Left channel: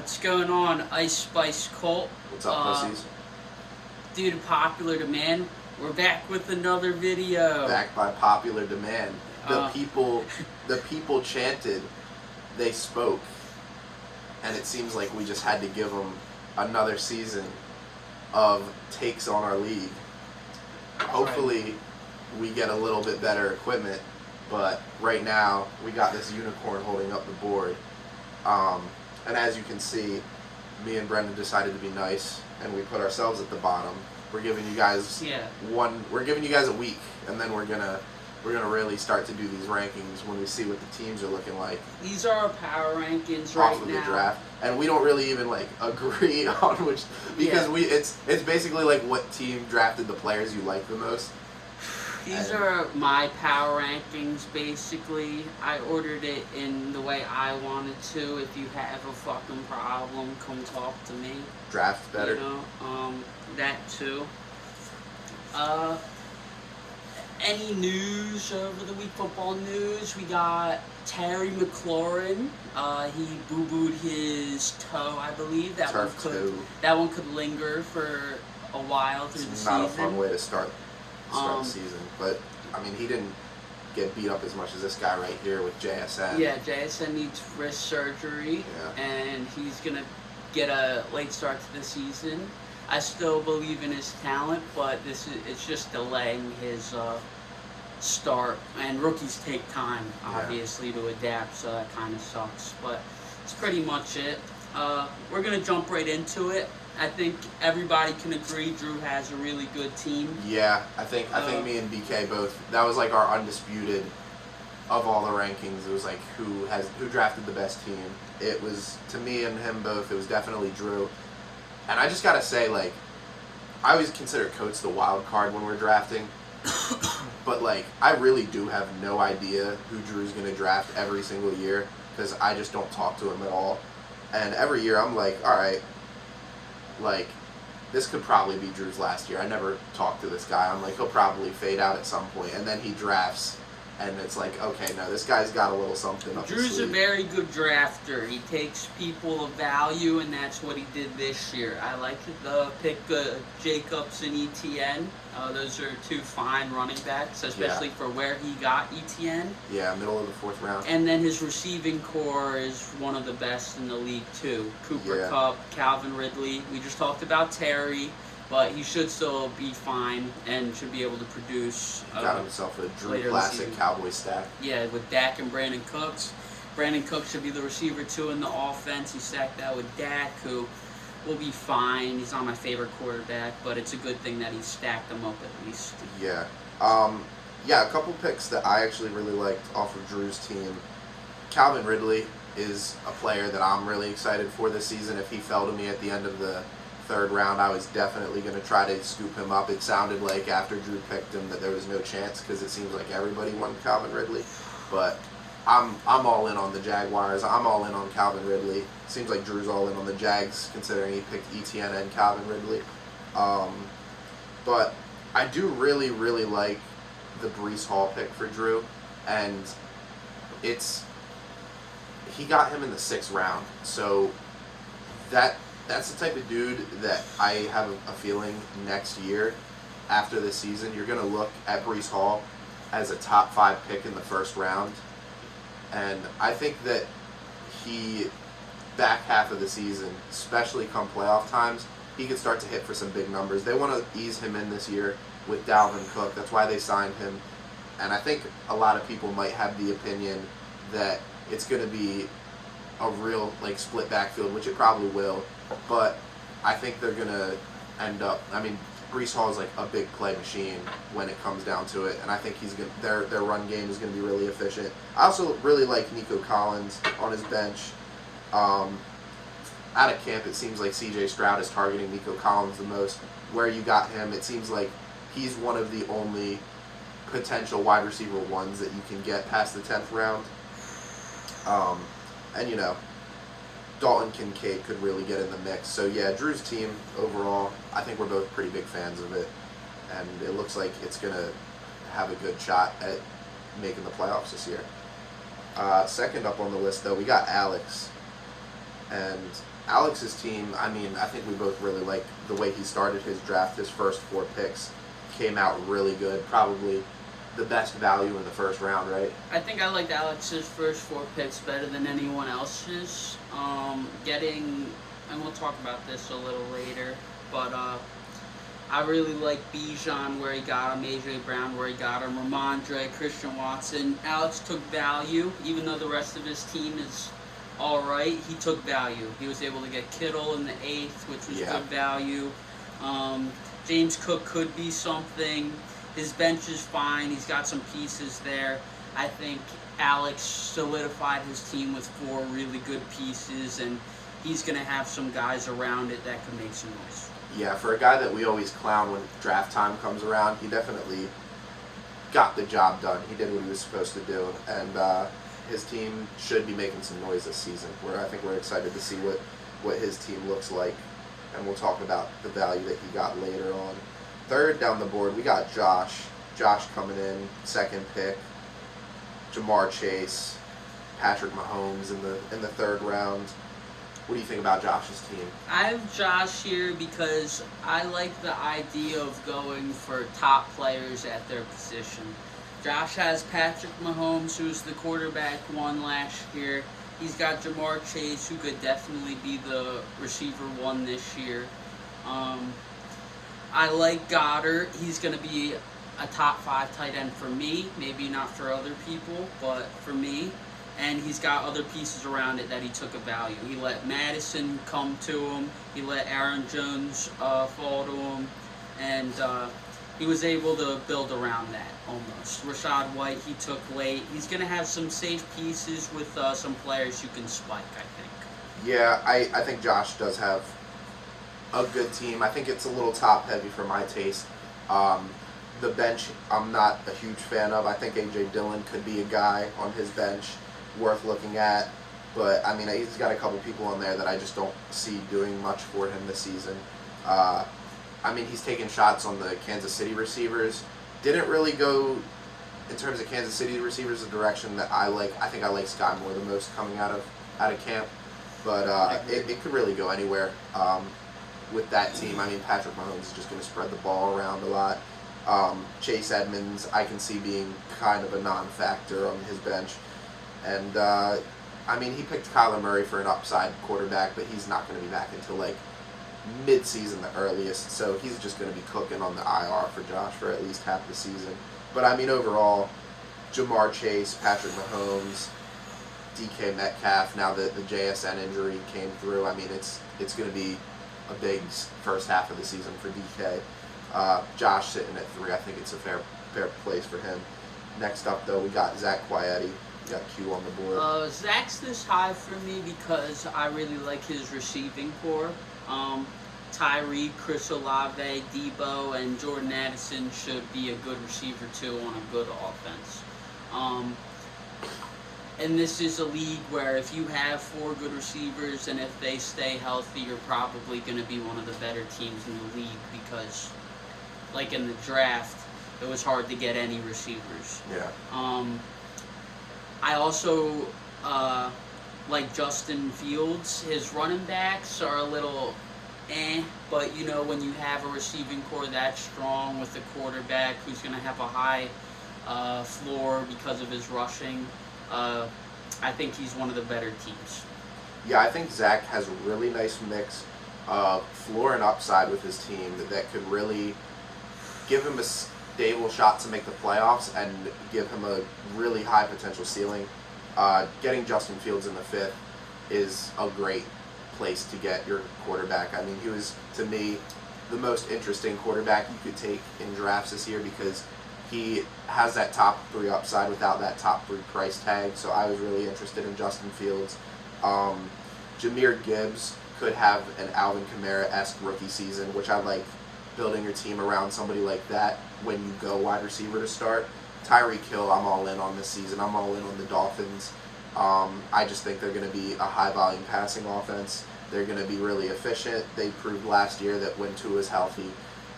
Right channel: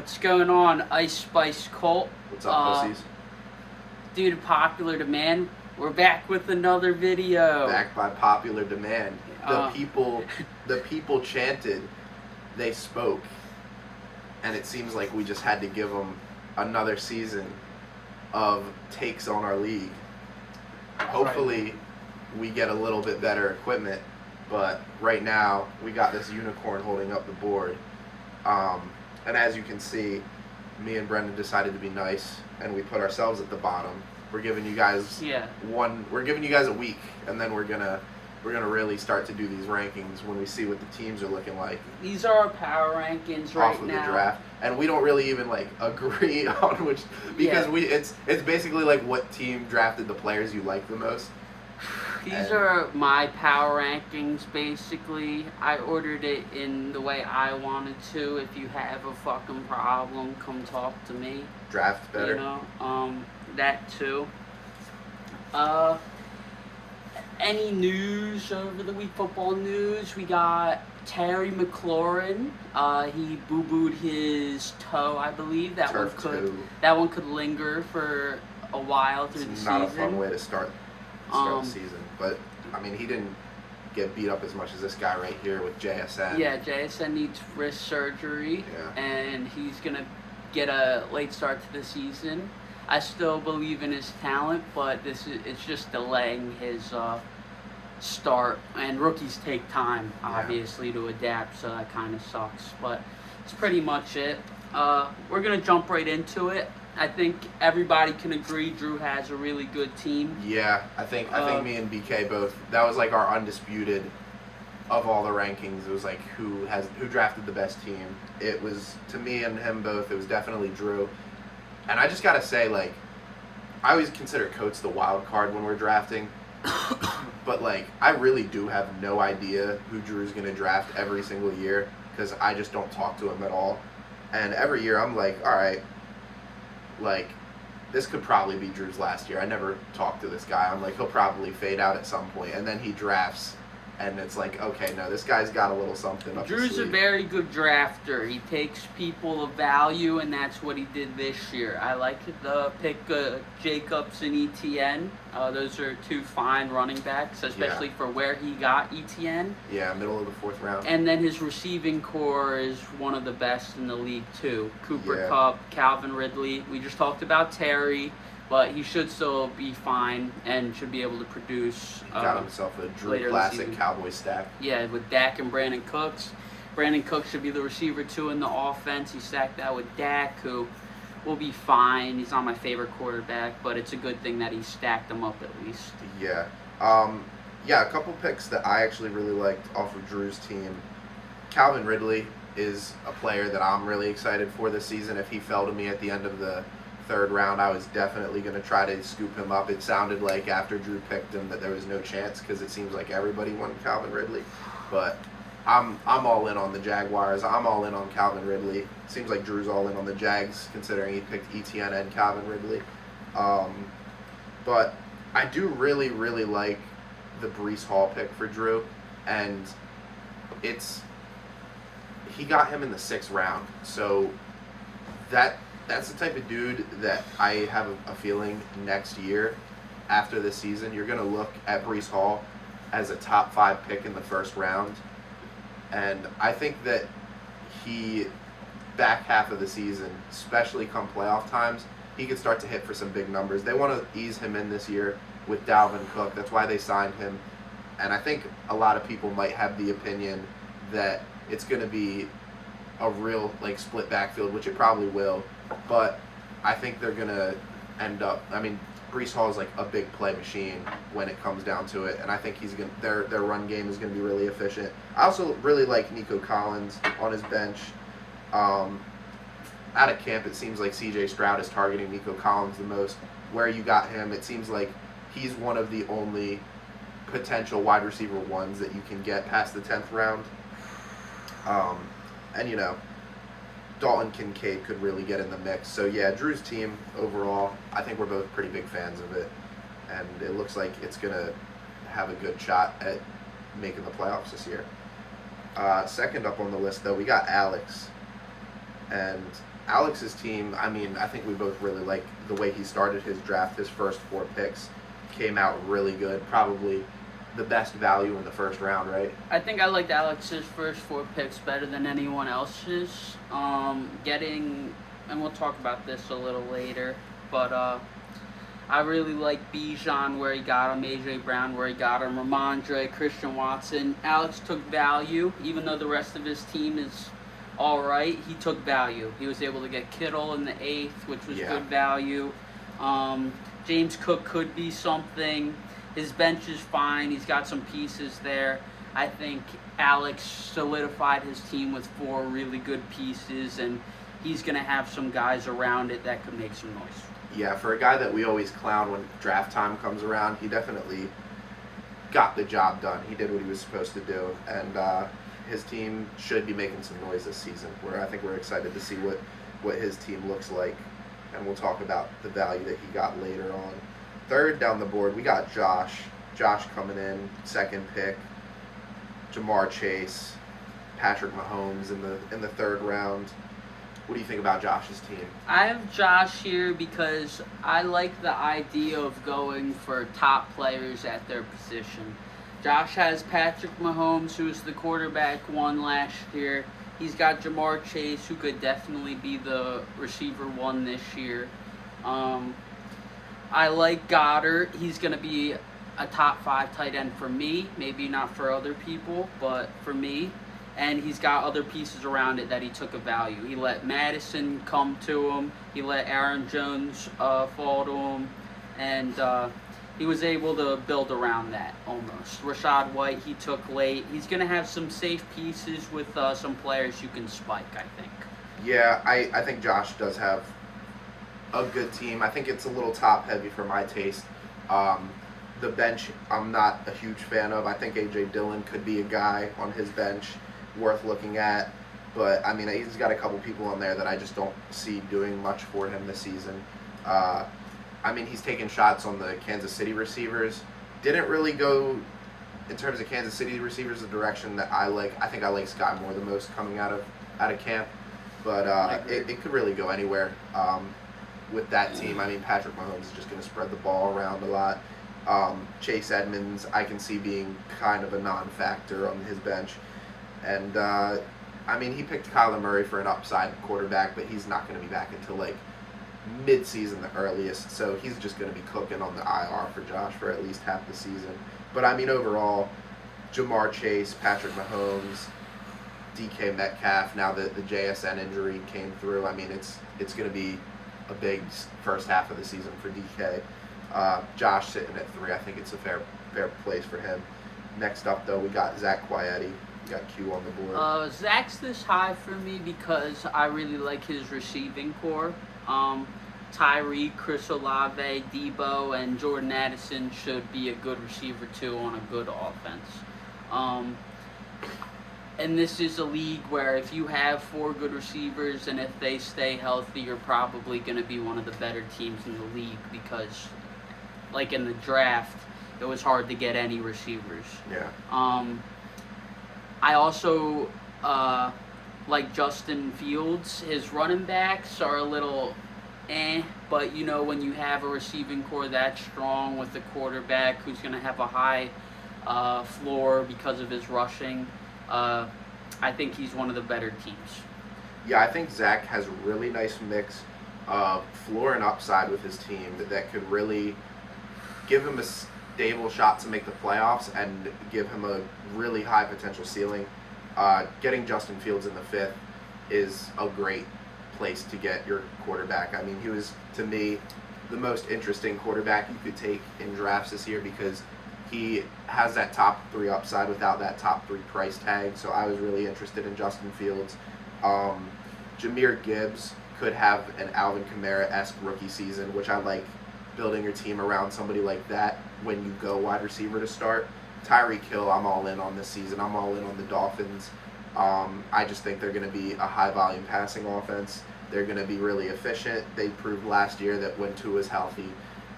What's going on, Ice Spice Colt? What's up, pussies? Due to popular demand, we're back with another video. Back by popular demand. The people chanted, they spoke, and it seems like we just had to give them another season of takes on our league. Hopefully, we get a little bit better equipment, but right now we got this unicorn holding up the board. And as you can see, me and Brendan decided to be nice, and we put ourselves at the bottom. We're giving you guys We're giving you guys a week, and then we're gonna really start to do these rankings when we see what the teams are looking like. These are our power rankings right off of now. The draft, and we don't really even agree on which because it's basically like what team drafted the players you like the most. These are my power rankings, basically. I ordered it in the way I wanted to. If you have a fucking problem, come talk to me. Draft better. You know, that too. Any news over the week? Football news. We got Terry McLaurin. He boo-booed his toe, I believe. That one could linger for a while through the season. It's not a fun way to start the season, but I mean, he didn't get beat up as much as this guy right here with JSN. Yeah, JSN needs wrist surgery, and he's gonna get a late start to the season. I still believe in his talent, but it's just delaying his start. And rookies take time, obviously, to adapt, so that kind of sucks. But it's pretty much it. We're gonna jump right into it. I think everybody can agree Drew has a really good team. Yeah, I think me and BK both. That was like our undisputed of all the rankings. It was like who drafted the best team. It was, to me and him both, it was definitely Drew. And I just gotta say, like, I always consider Coates the wild card when we're drafting. But like, I really do have no idea who Drew's gonna draft every single year because I just don't talk to him at all. And every year I'm like, all right. Like, this could probably be Drew's last year. I never talked to this guy. I'm like, he'll probably fade out at some point. And then he drafts, and it's like, okay, no, this guy's got a little something up his Drew's sleeve. A very good drafter. He takes people of value, and that's what he did this year. I like the pick Jacobs and ETN. Those are two fine running backs, especially for where he got ETN. Yeah, middle of the fourth round. And then his receiving core is one of the best in the league, too. Cooper Kupp, Calvin Ridley. We just talked about Terry, but he should still be fine and should be able to produce. Got himself a Drew Classic Cowboy stack. Yeah, with Dak and Brandon Cooks. Brandon Cooks should be the receiver, too, in the offense. He stacked that with Dak, who will be fine. He's not my favorite quarterback, but it's a good thing that he stacked them up at least. Yeah. A couple picks that I actually really liked off of Drew's team. Calvin Ridley is a player that I'm really excited for this season. If he fell to me at the end of the third round, I was definitely going to try to scoop him up. It sounded like after Drew picked him that there was no chance because it seems like everybody wanted Calvin Ridley. But I'm all in on the Jaguars. I'm all in on Calvin Ridley. Seems like Drew's all in on the Jags considering he picked ETN and Calvin Ridley. But I do really, really like the Breece Hall pick for Drew, and he got him in the 6th round. So that's the type of dude that I have a feeling next year, after this season, you're going to look at Breece Hall as a top 5 pick in the 1st round. And I think that he, back half of the season, especially come playoff times, he could start to hit for some big numbers. They want to ease him in this year with Dalvin Cook. That's why they signed him. And I think a lot of people might have the opinion that it's going to be a real split backfield, which it probably will. But I think they're going to end up, Breece Hall is like a big play machine when it comes down to it, and I think their run game is going to be really efficient. I also really like Nico Collins on his bench. Out of camp, it seems like C.J. Stroud is targeting Nico Collins the most. Where you got him, it seems like he's one of the only potential wide receiver ones that you can get past the 10th round. And Dalton Kincaid could really get in the mix. So yeah, Drew's team overall, I think we're both pretty big fans of it, and it looks like it's gonna have a good shot at making the playoffs this year. Second up on the list, though, we got Alex, and Alex's team, I mean, I think we both really like the way he started his draft. His first 4 picks came out really good. Probably the best value in the first round, right? I think I liked Alex's first 4 picks better than anyone else's. And we'll talk about this a little later, but I really like Bijan where he got him, AJ Brown where he got him, Ramondre, Christian Watson. Alex took value, even though the rest of his team is all right. He took value. He was able to get Kittle in the 8th, which was good value. James Cook could be something. His bench is fine. He's got some pieces there. I think Alex solidified his team with 4 really good pieces, and he's going to have some guys around it that could make some noise. Yeah, for a guy that we always clown when draft time comes around, he definitely got the job done. He did what he was supposed to do, and his team should be making some noise this season. I think we're excited to see what his team looks like, and we'll talk about the value that he got later on. Third down the board, we got Josh. Josh coming in, 2nd pick. Jamar Chase, Patrick Mahomes in the 3rd round. What do you think about Josh's team? I have Josh here because I like the idea of going for top players at their position. Josh has Patrick Mahomes, who was the quarterback 1 last year. He's got Jamar Chase, who could definitely be the receiver 1 this year. I like Goddard. He's going to be a top 5 tight end for me. Maybe not for other people, but for me. And he's got other pieces around it that he took a value. He let Madison come to him. He let Aaron Jones fall to him. And he was able to build around that almost. Rashad White, he took late. He's going to have some safe pieces with some players you can spike, I think. Yeah, I think Josh does have a good team. I think it's a little top heavy for my taste. The bench, I'm not a huge fan of. I think A.J. Dillon could be a guy on his bench worth looking at. But, I mean, he's got a couple people on there that I just don't see doing much for him this season. I mean, he's taking shots on the Kansas City receivers. Didn't really go, in terms of Kansas City receivers, the direction that I like. I think I like Sky Moore the most coming out of camp. But it could really go anywhere with that team. I mean, Patrick Mahomes is just going to spread the ball around a lot. Chase Edmonds, I can see being kind of a non-factor on his bench. And, I mean, he picked Kyler Murray for an upside quarterback, but he's not going to be back until, like, mid-season the earliest. So he's just going to be cooking on the IR for Josh for at least half the season. But, I mean, overall, Jamar Chase, Patrick Mahomes, DK Metcalf, now that the JSN injury came through, I mean, it's going to be a big first half of the season for DK. Josh sitting at 3. I think it's a fair place for him. Next up, though, we got Zach Quietti. We got Q on the board. Zach's this high for me because I really like his receiving core. Tyreek, Chris Olave, Debo, and Jordan Addison should be a good receiver, too, on a good offense. And this is a league where if you have 4 good receivers and if they stay healthy, you're probably going to be one of the better teams in the league because, like in the draft, it was hard to get any receivers. Yeah. I also like Justin Fields. His running backs are a little but you know, when you have a receiving core that strong with a quarterback who's going to have a high floor because of his rushing, I think he's one of the better teams. Yeah, I think Zach has a really nice mix of floor and upside with his team that could really give him a stable shot to make the playoffs and give him a really high potential ceiling. Getting Justin Fields in the 5th is a great place to get your quarterback. I mean, he was, to me, the most interesting quarterback you could take in drafts this year because he has that top 3 upside without that top 3 price tag. So I was really interested in Justin Fields. Jahmyr Gibbs could have an Alvin Kamara-esque rookie season, which I like building your team around somebody like that when you go wide receiver to start. Tyreek Hill, I'm all in on this season. I'm all in on the Dolphins. I just think they're going to be a high-volume passing offense. They're going to be really efficient. They proved last year that when Tua is healthy,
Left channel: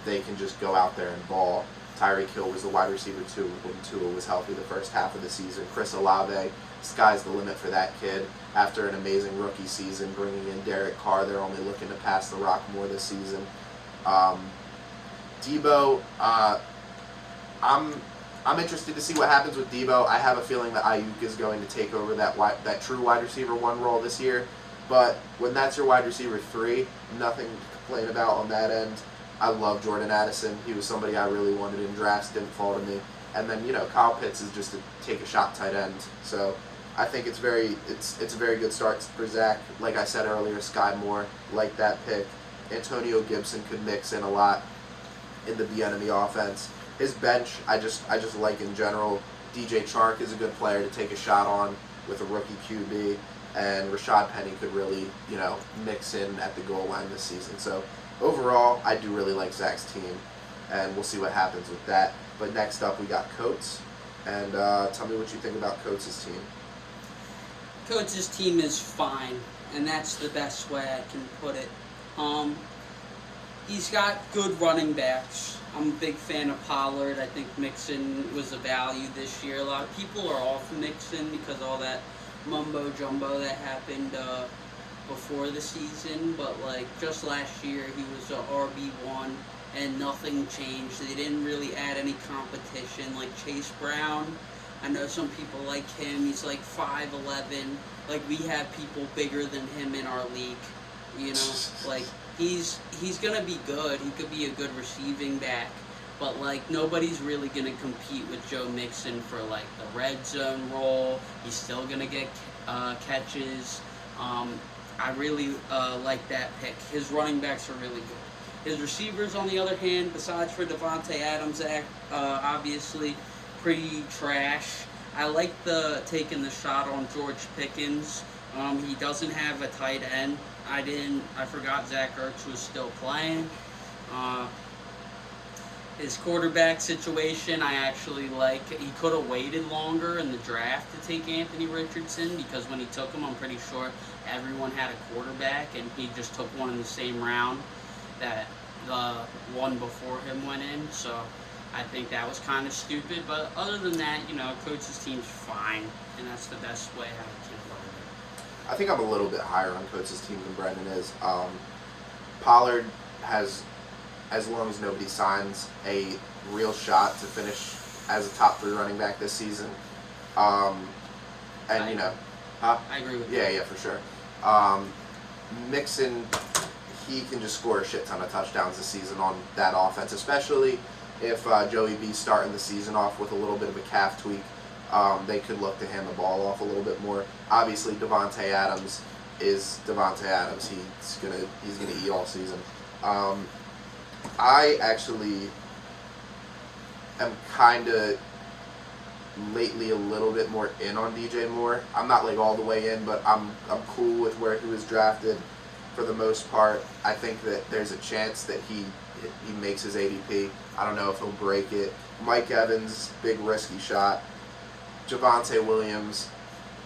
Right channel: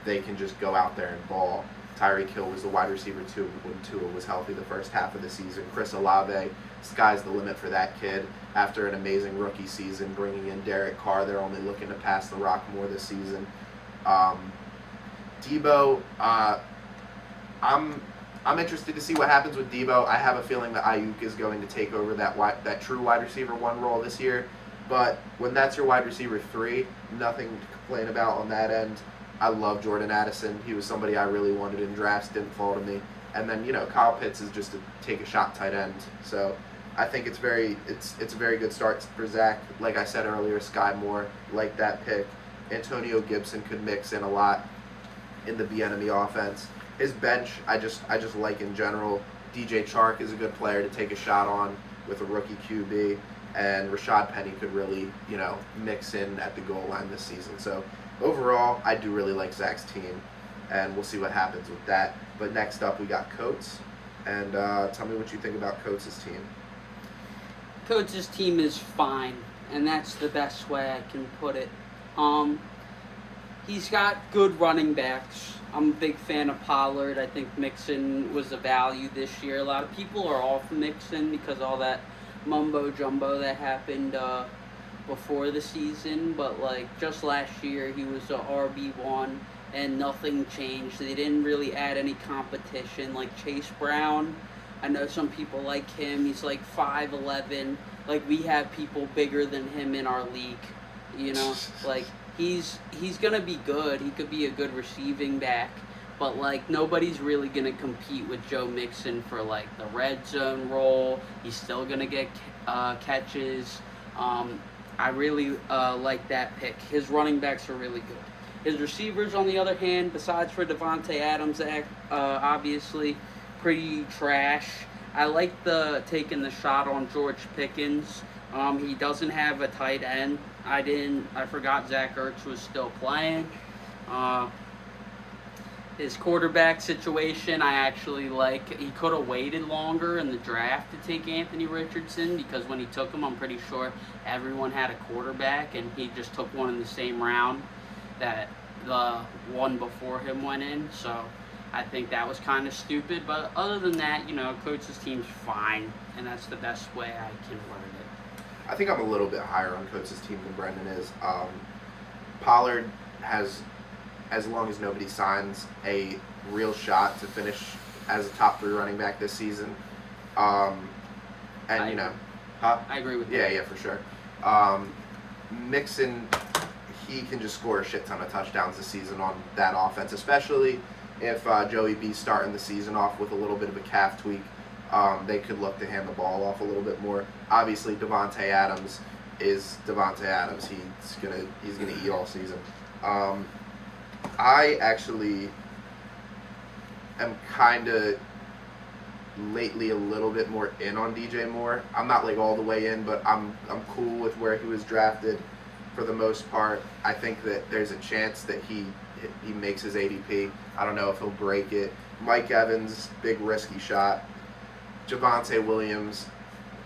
they can just go out there and ball. Tyreek Hill was the wide receiver 2 when Tua was healthy the first half of the season. Chris Olave, sky's the limit for that kid. After an amazing rookie season, bringing in Derek Carr, they're only looking to pass the rock more this season. Debo, I'm interested to see what happens with Debo. I have a feeling that Ayuk is going to take over that true wide receiver 1 role this year. But when that's your wide receiver 3, nothing to complain about on that end. I love Jordan Addison. He was somebody I really wanted in drafts, didn't fall to me. And then, Kyle Pitts is just a take-a-shot tight end. So I think it's a very good start for Zach. Like I said earlier, Sky Moore, like that pick. Antonio Gibson could mix in a lot in the Bieniemy offense. His bench, I just like in general. DJ Chark is a good player to take a shot on with a rookie QB. And Rashad Penny could really, mix in at the goal line this season. So overall, I do really like Zach's team, and we'll see what happens with that. But next up, we got Coates, and tell me what you think about Coates' team. Coates' team is fine, and that's the best way I can put it. He's got good running backs. I'm a big fan of Pollard. I think Mixon was a value this year. A lot of people are off Mixon because all that mumbo jumbo that happened before the season, but just last year he was a RB1 and nothing changed. They didn't really add any competition. Like Chase Brown, I know some people like him. He's 5'11". We have people bigger than him in our league. He's gonna be good. He could be a good receiving back. But, nobody's really going to compete with Joe Mixon for, the red zone role. He's still going to get catches. I really like that pick. His running backs are really good. His receivers, on the other hand, besides for Devontae Adams, obviously, pretty trash. I like taking the shot on George Pickens. He doesn't have a tight end. I forgot Zach Ertz was still playing. His quarterback situation, I actually like. He could have waited longer in the draft to take Anthony Richardson, because when he took him, I'm pretty sure everyone had a quarterback, and he just took one in the same round that the one before him went in. So I think that was kind of stupid. But other than that, Coach's team's fine, and that's the best way I can word it. I think I'm a little bit higher on Coach's team than Brendan is. Pollard has, as long as nobody signs, a real shot to finish as a top 3 running back this season. I agree with you. Yeah, for sure. Mixon, he can just score a shit ton of touchdowns this season on that offense, especially if Joey B's starting the season off with a little bit of a calf tweak. They could look to hand the ball off a little bit more. Obviously, Devontae Adams is Devontae Adams. He's gonna eat all season. I actually am kind of lately a little bit more in on DJ Moore. I'm not all the way in, but I'm cool with where he was drafted for the most part. I think that there's a chance that he makes his ADP. I don't know if he'll break it. Mike Evans, big risky shot. Javonte Williams,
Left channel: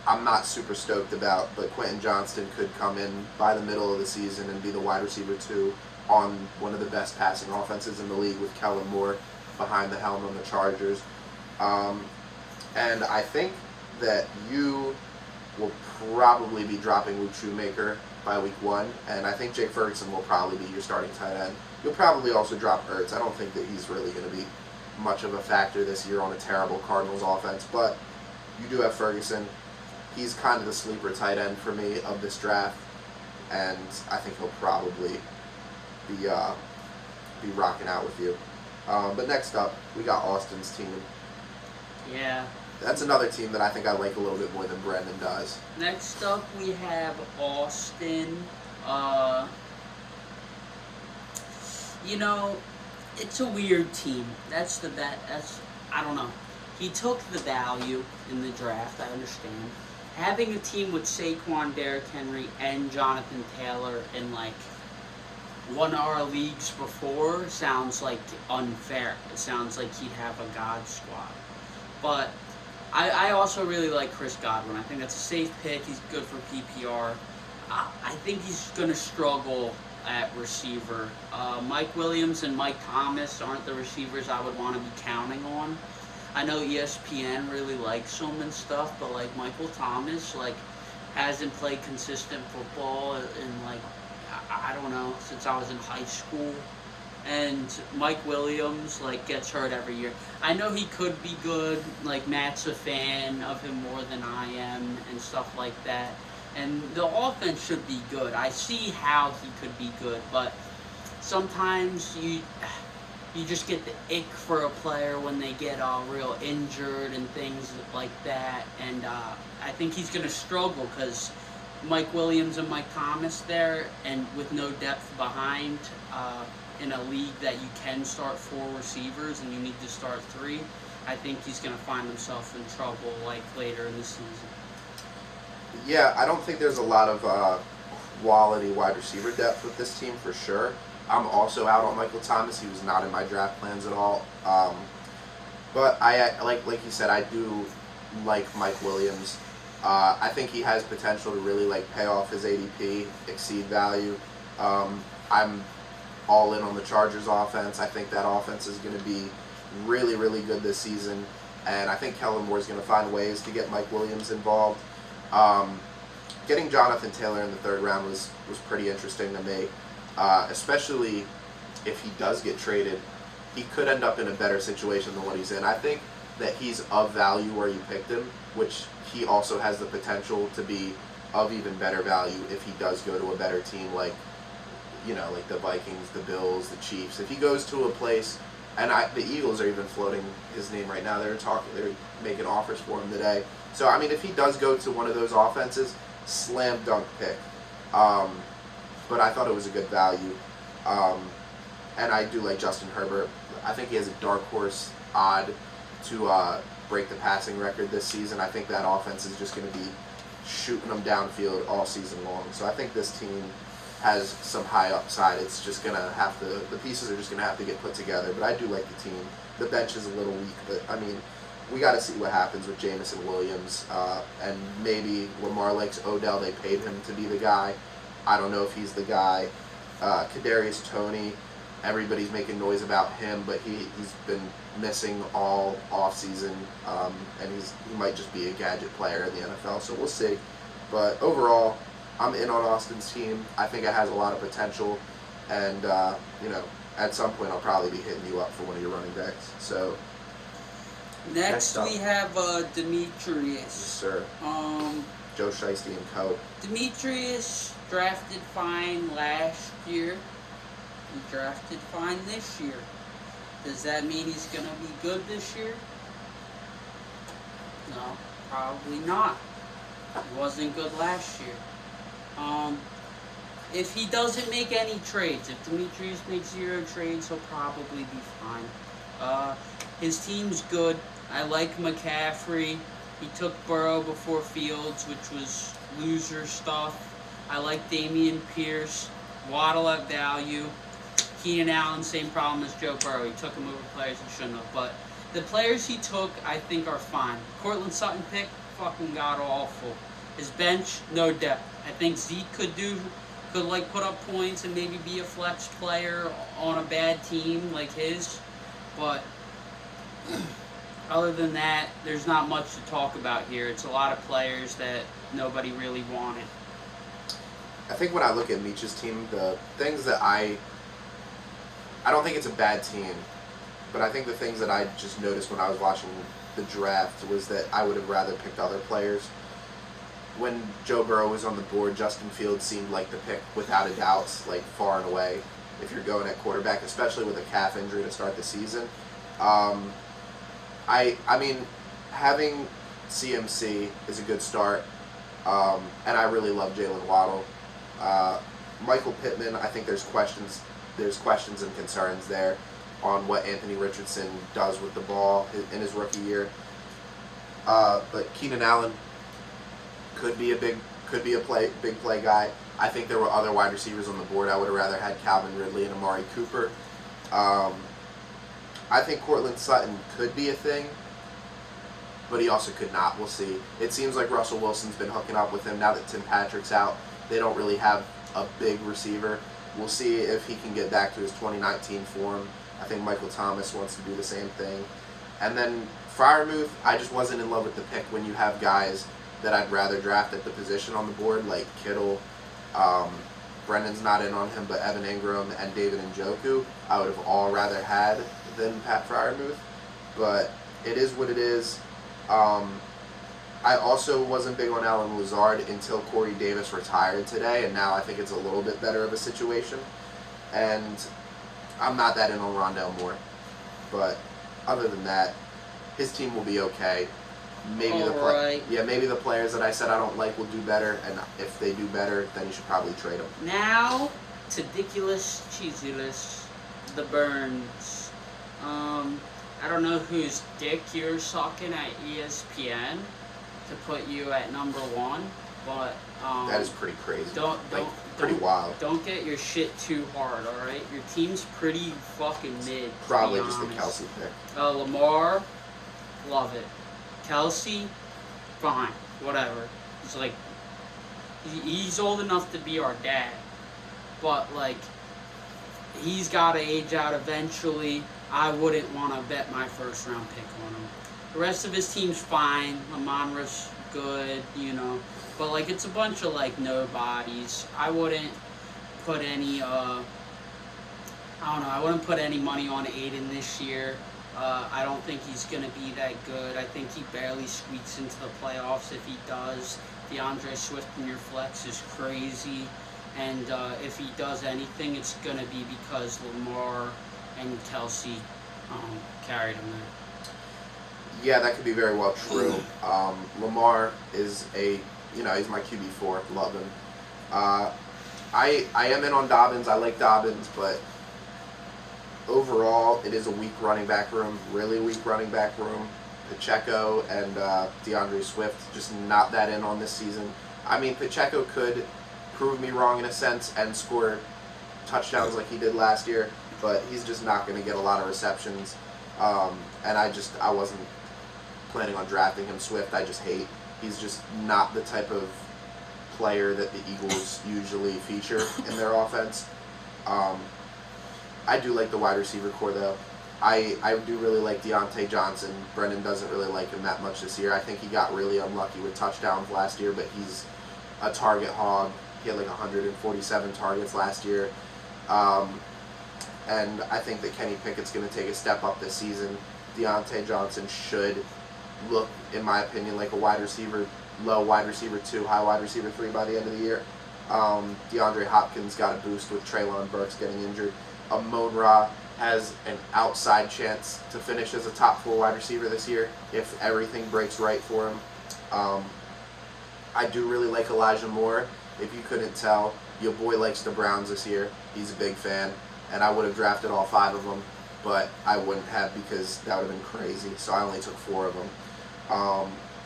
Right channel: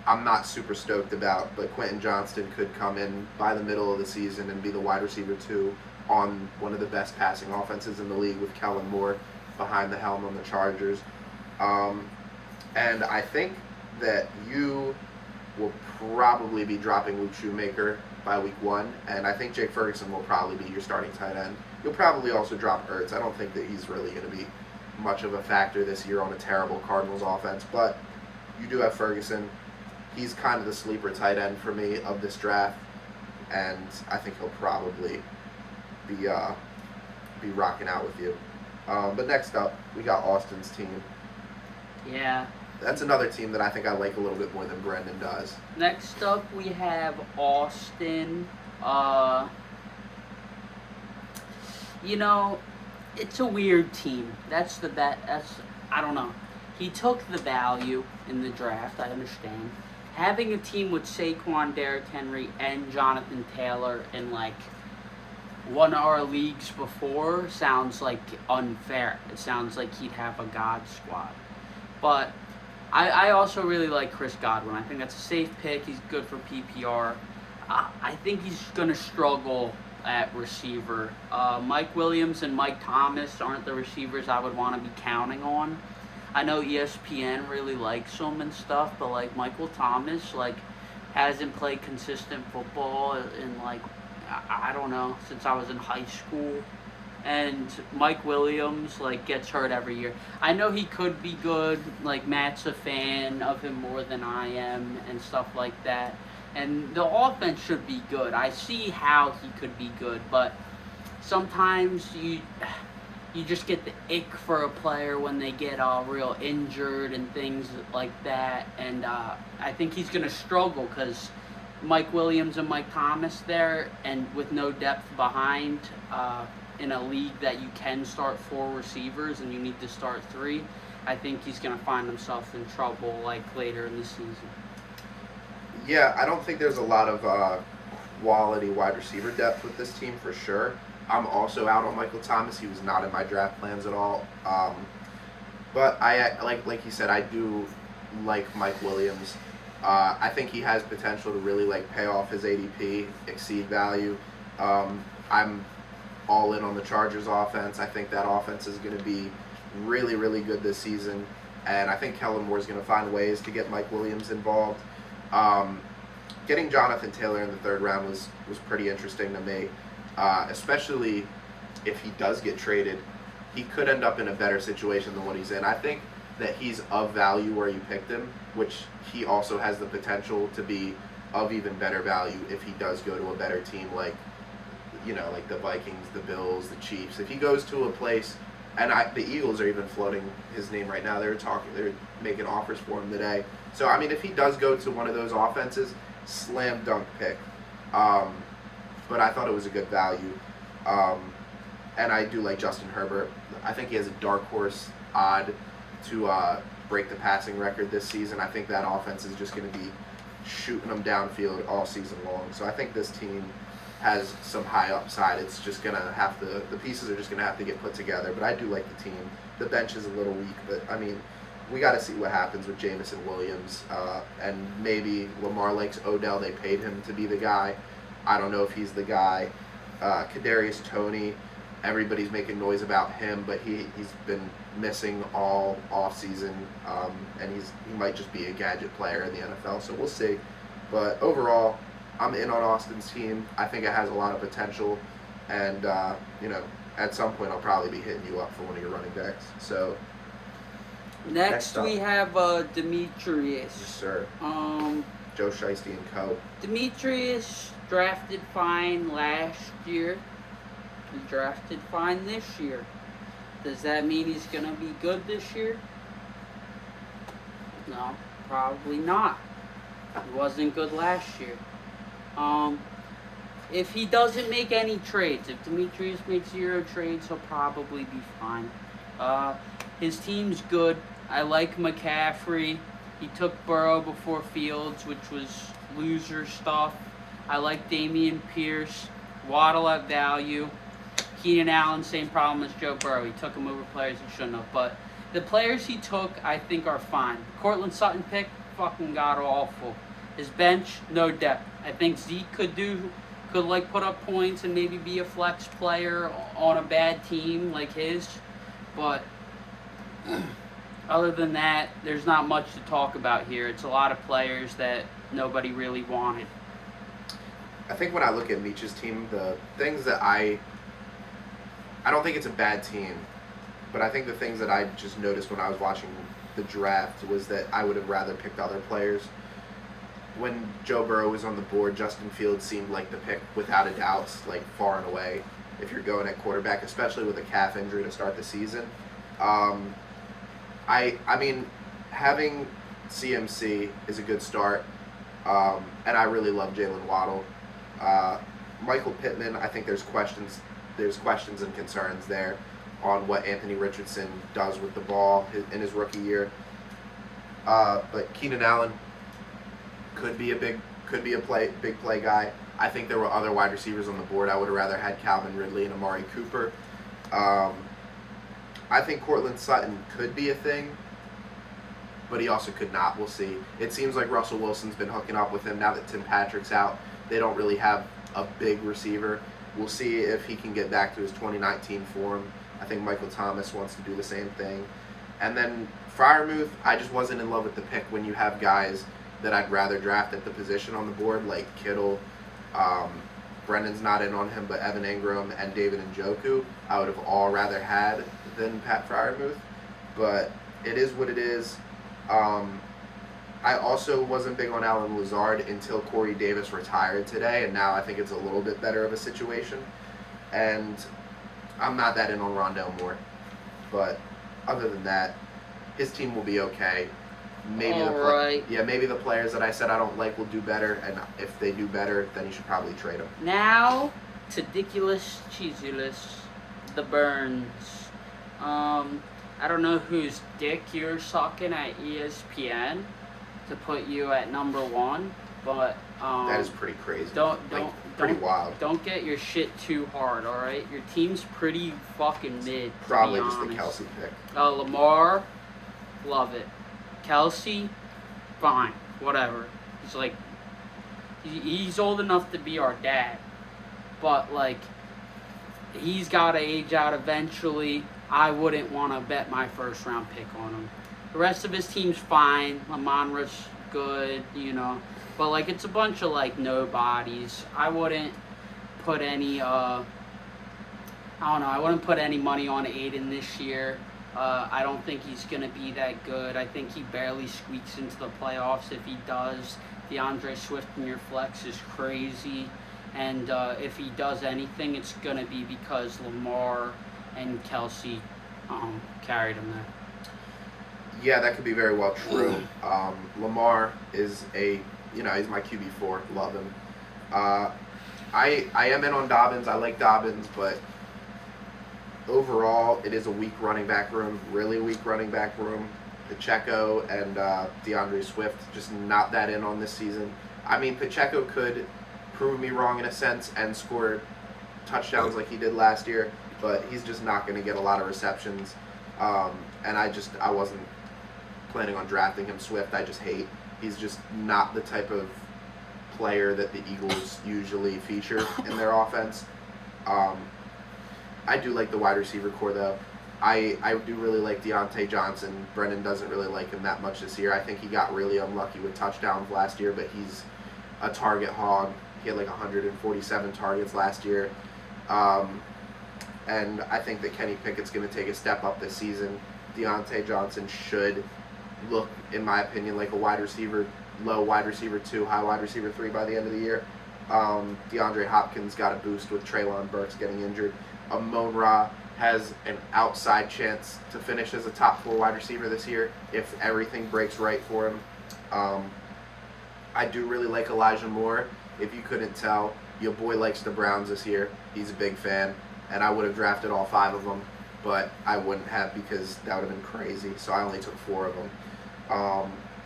I'm not super stoked about, but Quentin Johnston could come in by the middle of the season and be the wide receiver 2 on one of the best passing offenses in the league with Kellen Moore behind the helm on the Chargers. And I think that you will probably be dropping Luke Shoemaker by week 1, and I think Jake Ferguson will probably be your starting tight end. You'll probably also drop Ertz. I don't think that he's really going to be much of a factor this year on a terrible Cardinals offense, but you do have Ferguson. He's kind of the sleeper tight end for me of this draft, and I think he'll probably be rocking out with you. But next up, we got Austin's team. Yeah. That's another team that I think I like a little bit more than Brendan does. Next up, we have Austin. It's a weird team. I don't know. He took the value in the draft, I understand. Having a team with Saquon, Derrick Henry, and Jonathan Taylor in one of our leagues before sounds unfair. It sounds like he'd have a God squad. But I also really like Chris Godwin. I think that's a safe pick. He's good for PPR. I think he's going to struggle at receiver. Mike Williams and Mike Thomas aren't the receivers I would want to be counting on. I know ESPN really likes them and stuff, but like Michael Thomas, like hasn't played consistent football in like I don't know since I was in high school. And Mike Williams like gets hurt every year. I know he could be good. Like Matt's a fan of him more than I am and stuff like that. And the offense should be good. I see how he could be good, but sometimes you just get the ick for a player when they get real injured and things like that. And I think he's going to struggle because Mike Williams and Mike Thomas there, and with no depth behind in a league that you can start 4 receivers and you need to start 3, I think he's going to find himself in trouble like later in the season. Yeah, I don't think there's a lot of quality wide receiver depth with this team for sure. I'm also out on Michael Thomas. He was not in my draft plans at all. But I like you said, I do like Mike Williams. I think he has potential to really like pay off his ADP, exceed value. I'm all in on the Chargers offense. I think that offense is going to be really, really good this season. And I think Kellen Moore is going to find ways to get Mike Williams involved. Getting Jonathan Taylor in the 3rd round was pretty interesting to me, especially if he does get traded. He could end up in a better situation than what he's in. I think that he's of value where you picked him, which he also has the potential to be of even better value if he does go to a better team like the Vikings, the Bills, the Chiefs. If he goes to a place, and the Eagles are even floating his name right now. They're making offers for him today. So, I mean, if he does go to one of those offenses, slam dunk pick. But I thought it was a good value. And I do like Justin Herbert. I think he has a dark horse odd to break the passing record this season. I think that offense is just going to be shooting them downfield all season long. So I think this team has some high upside. It's just going to have to, the pieces are just going to have to get put together. But I do like the team. The bench is a little weak, but I mean, we got to see what happens with Jameson Williams. And maybe Lamar likes Odell. They paid him to be the guy. I don't know if he's the guy. Kadarius Toney, everybody's making noise about him, but he's been missing all offseason, and he might just be a gadget player in the NFL, so we'll see. But overall, I'm in on Austin's team. I think it has a lot of potential, and at some point I'll probably be hitting you up for one of your running backs. So next we have Demetrius. Yes, sir. Joe Shiesty and co. Demetrius drafted fine last year. He drafted fine this year. Does that mean he's going to be good this year? No, probably not. He wasn't good last year. If he doesn't make any trades, if Demetrius makes 0 trades, he'll probably be fine. His team's good. I like McCaffrey. He took Burrow before Fields, which was loser stuff. I like Dameon Pierce. Waddle at value. Keenan Allen, same problem as Joe Burrow. He took him over players he shouldn't have. But the players he took, I think, are fine. Cortland Sutton pick, fucking god awful. His bench, no depth. I think Zeke could put up points and maybe be a flex player on a bad team like his. But other than that, there's not much to talk about here. It's a lot of players that nobody really wanted. I think when I look at Meech's team, the things that I don't think it's a bad team, but I think the things that I just noticed when I was watching the draft was that I would have rather picked other players. When Joe Burrow was on the board, Justin Fields seemed like the pick without a doubt, like far and away, if you're going at quarterback, especially with a calf injury to start the season. I mean, having CMC is a good start, and I really love Jalen Waddle. Michael Pittman, I think there's questions and concerns there on what Anthony Richardson does with the ball in his rookie year. But Keenan Allen could be a big play guy. I think there were other wide receivers on the board. I would have rather had Calvin Ridley and Amari Cooper. I think Cortland Sutton could be a thing, but he also could not. We'll see. It seems like Russell Wilson's been hooking up with him now that Tim Patrick's out. They don't really have a big receiver. We'll see if he can get back to his 2019 form. I think Michael Thomas wants to do the same thing. And then Freiermuth, I just wasn't in love with the pick when you have guys that I'd rather draft at the position on the board, like Kittle. Brendan's not in on him, but Evan Ingram and David Njoku, I would have all rather had than Pat Freiermuth. But it is what it is. I also wasn't big on Alan Lazard until Corey Davis retired today, and now I think it's a little bit better of a situation. And I'm not that in on Rondale Moore. But other than that, his team will be okay. Maybe maybe the players that I said I don't like will do better, and if they do better, then you should probably trade them. Now, Tadiculus Cheesyless, the Burns. I don't know whose dick you're sucking at ESPN to put you at number one, but that is pretty crazy. Pretty wild. Don't get your shit too hard, all right? Your team's pretty fucking mid. Probably just the Kelsey pick. Lamar, love it. Kelsey, fine, whatever. He's like, he's old enough to be our dad, but like, he's got to age out eventually. I wouldn't want to bet my first round pick on him. The rest of his team's fine. Amon-Ra's good, you know, but like, it's a bunch of like nobodies. I wouldn't put any, I wouldn't put any money on Aiden this year. I don't think he's going to be that good. I think he barely squeaks into the playoffs. If he does, DeAndre Swift in your flex is crazy. And if he does anything, it's going to be because Lamar and Kelsey carried him there. Yeah, that could be very well true. Lamar is he's my QB4. Love him. I am in on Dobbins. I like Dobbins, but overall, it is a weak running back room, really weak running back room. Pacheco and DeAndre Swift, just not that in on this season. I mean, Pacheco could prove me wrong in a sense and score touchdowns like he did last year, but he's just not going to get a lot of receptions. And I wasn't planning on drafting him. Swift, I just hate. He's just not the type of player that the Eagles usually feature in their offense. I do like the wide receiver core, though. I do really like Deontay Johnson. Brendan doesn't really like him that much this year. I think he got really unlucky with touchdowns last year, but he's a target hog. He had like 147 targets last year. And I think that Kenny Pickett's going to take a step up this season. Deontay Johnson should look, in my opinion, like a wide receiver, low wide receiver 2, high wide receiver 3 by the end of the year. DeAndre Hopkins got a boost with Treylon Burks getting injured. Amon-Ra has an outside chance to finish as a top 4 wide receiver this year if everything breaks right for him. I do really like Elijah Moore. If you couldn't tell, your boy likes the Browns this year. He's a big fan, and I would have drafted all 5 of them, but I wouldn't have because that would have been crazy, so I only took 4 of them.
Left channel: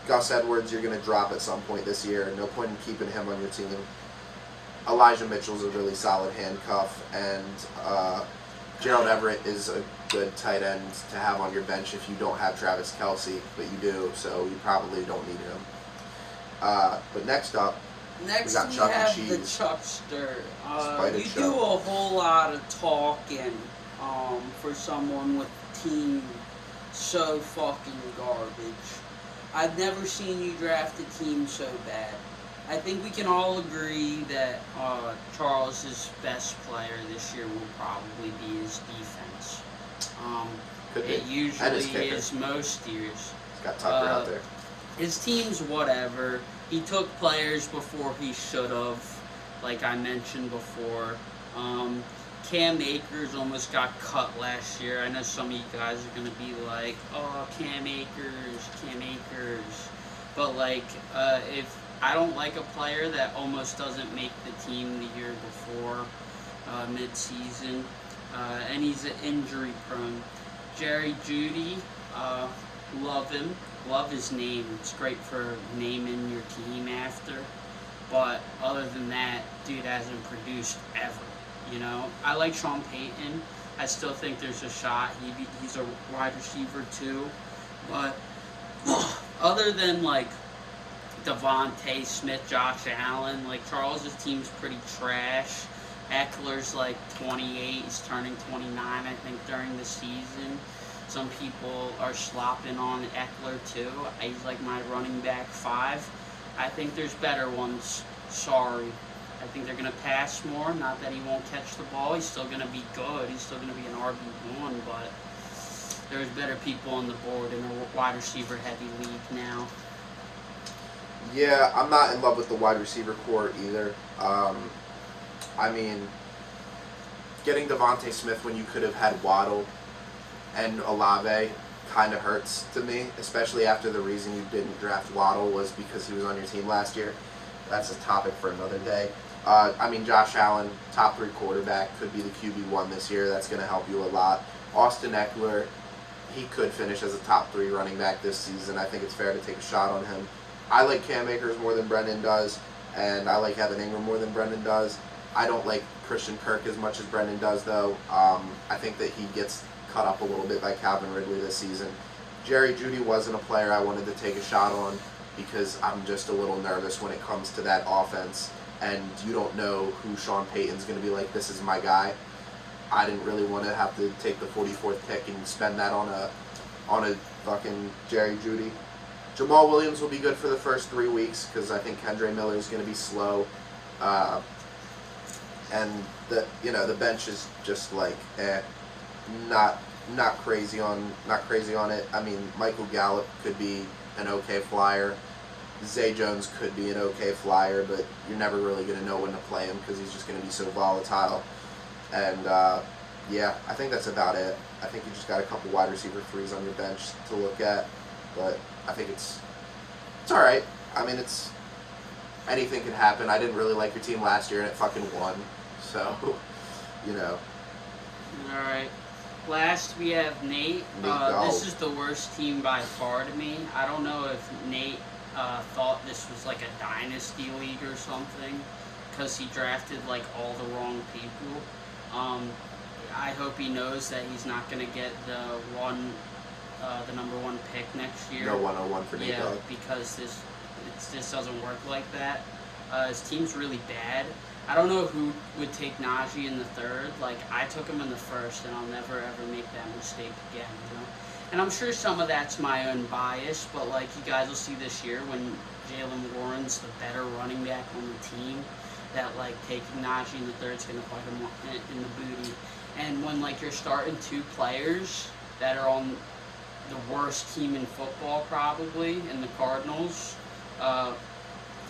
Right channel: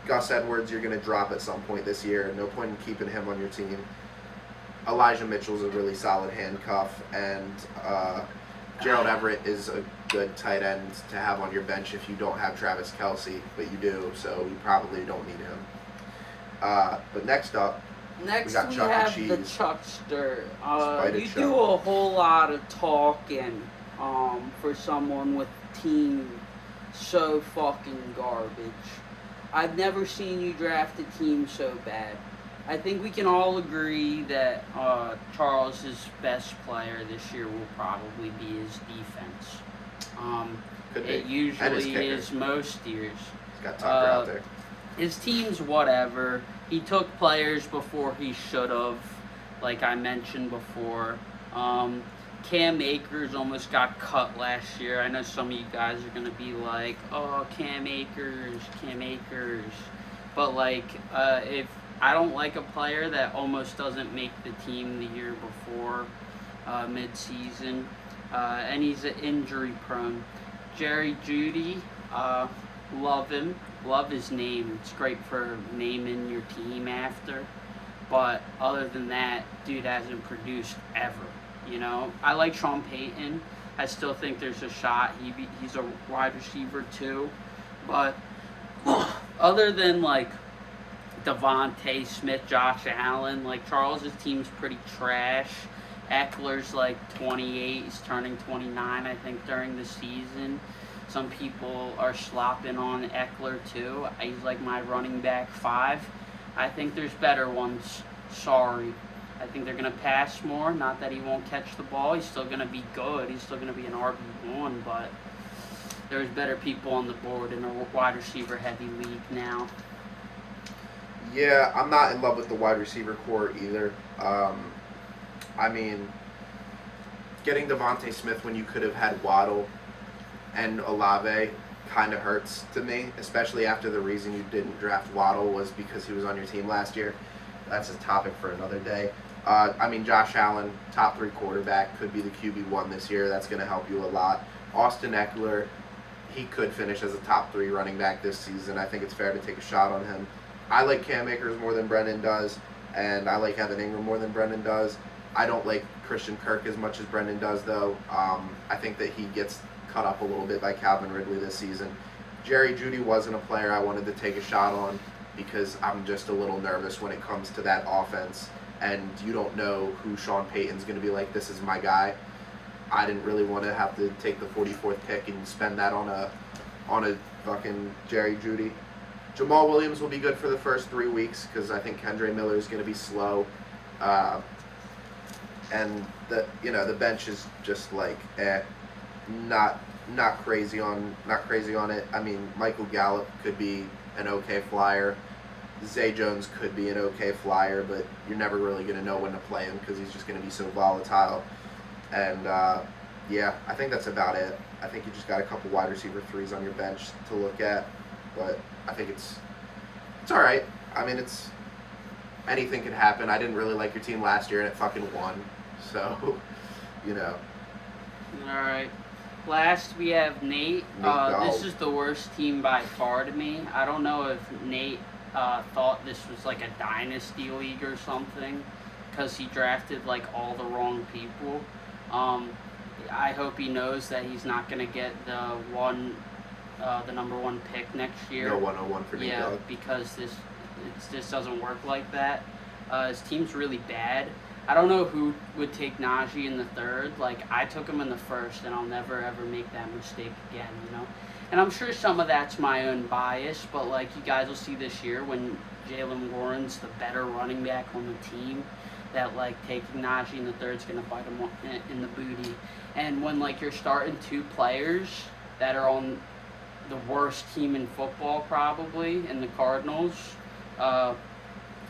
Gus Edwards, you're going to drop at some point this year. No point in keeping him on your team. Elijah Mitchell's a really solid handcuff, and Gerald Everett is a good tight end to have on your bench if you don't have Travis Kelce, but you do, so you probably don't need him. But next up, we got Chuck have and the Cheese. Chuckster. Spider You Chuck. do a whole lot of talking for someone with team so fucking garbage. I've never seen you draft a team so bad. I think we can all agree that Charles' best player this year will probably be his defense. Could be. It And his usually kicker. is most years. He's got Tucker out there. His team's whatever. He took players before he should have, like I mentioned before. Cam Akers almost got cut last year. I know some of you guys are going to be like, oh, Cam Akers. But, like, if I don't like a player that almost doesn't make the team the year before, mid-season, and he's injury prone. Jerry Jeudy, love him. Love his name. It's great for naming your team after. But other than that, dude hasn't produced ever. You know, I like Sean Payton. I still think there's a shot. He's a wide receiver too. But other than like Devontae Smith, Josh Allen, like Charles's team's pretty trash. Eckler's like 28. He's turning 29, I think, during the season. Some people are slopping on Eckler too. He's like my running back 5. I think there's better ones. Sorry. I think they're going to pass more. Not that he won't catch the ball. He's still going to be good. He's still going to be an RB1, but there's better people on the board in a wide receiver heavy league now. Yeah, I'm not in love with the wide receiver core either. I mean, getting Devontae Smith when you could have had Waddle and Olave kind of hurts to me, especially after the reason you didn't draft Waddle was because he was on your team last year. That's a topic for another day. I mean, Josh Allen, top 3 quarterback, could be the QB1 this year. That's going to help you a lot. Austin Eckler, he could finish as a top 3 running back this season. I think it's fair to take a shot on him. I like Cam Akers more than Brendan does, and I like Evan Ingram more than Brendan does. I don't like Christian Kirk as much as Brendan does, though. I think that he gets cut up a little bit by Calvin Ridley this season. Jerry Jeudy wasn't a player I wanted to take a shot on because I'm just a little nervous when it comes to that offense, and you don't know who Sean Payton's going to be like, this is my guy. I didn't really want to have to take the 44th pick and spend that on a fucking Jerry Jeudy. Jamal Williams will be good for the first 3 weeks because I think Kendre Miller is going to be slow. And the bench is just like not crazy on it. I mean, Michael Gallup could be an okay flyer. Zay Jones could be an okay flyer, but you're never really going to know when to play him because he's just going to be so volatile. And yeah, I think that's about it. I think you just got a couple wide receiver 3s on your bench to look at, but I think it's all right. I mean, anything could happen. I didn't really like your team last year, and it fucking won. So, All right. Last, we have Nate. This is the worst team by far to me. I don't know if Nate thought this was like a dynasty league or something because he drafted like all the wrong people. I hope he knows that he's not going to get the number 1 pick next year. No 101 for Nate. Yeah, because this doesn't work like that. His team's really bad. I don't know who would take Najee in the 3rd. Like, I took him in the 1st, and I'll never, ever make that mistake again, And I'm sure some of that's my own bias, but, like, you guys will see this year when Jaylen Warren's the better running back on the team, that, like, taking Najee in the 3rd is going to bite him in the booty. And when, like, you're starting 2 players that are on the worst team in football, probably, in the Cardinals,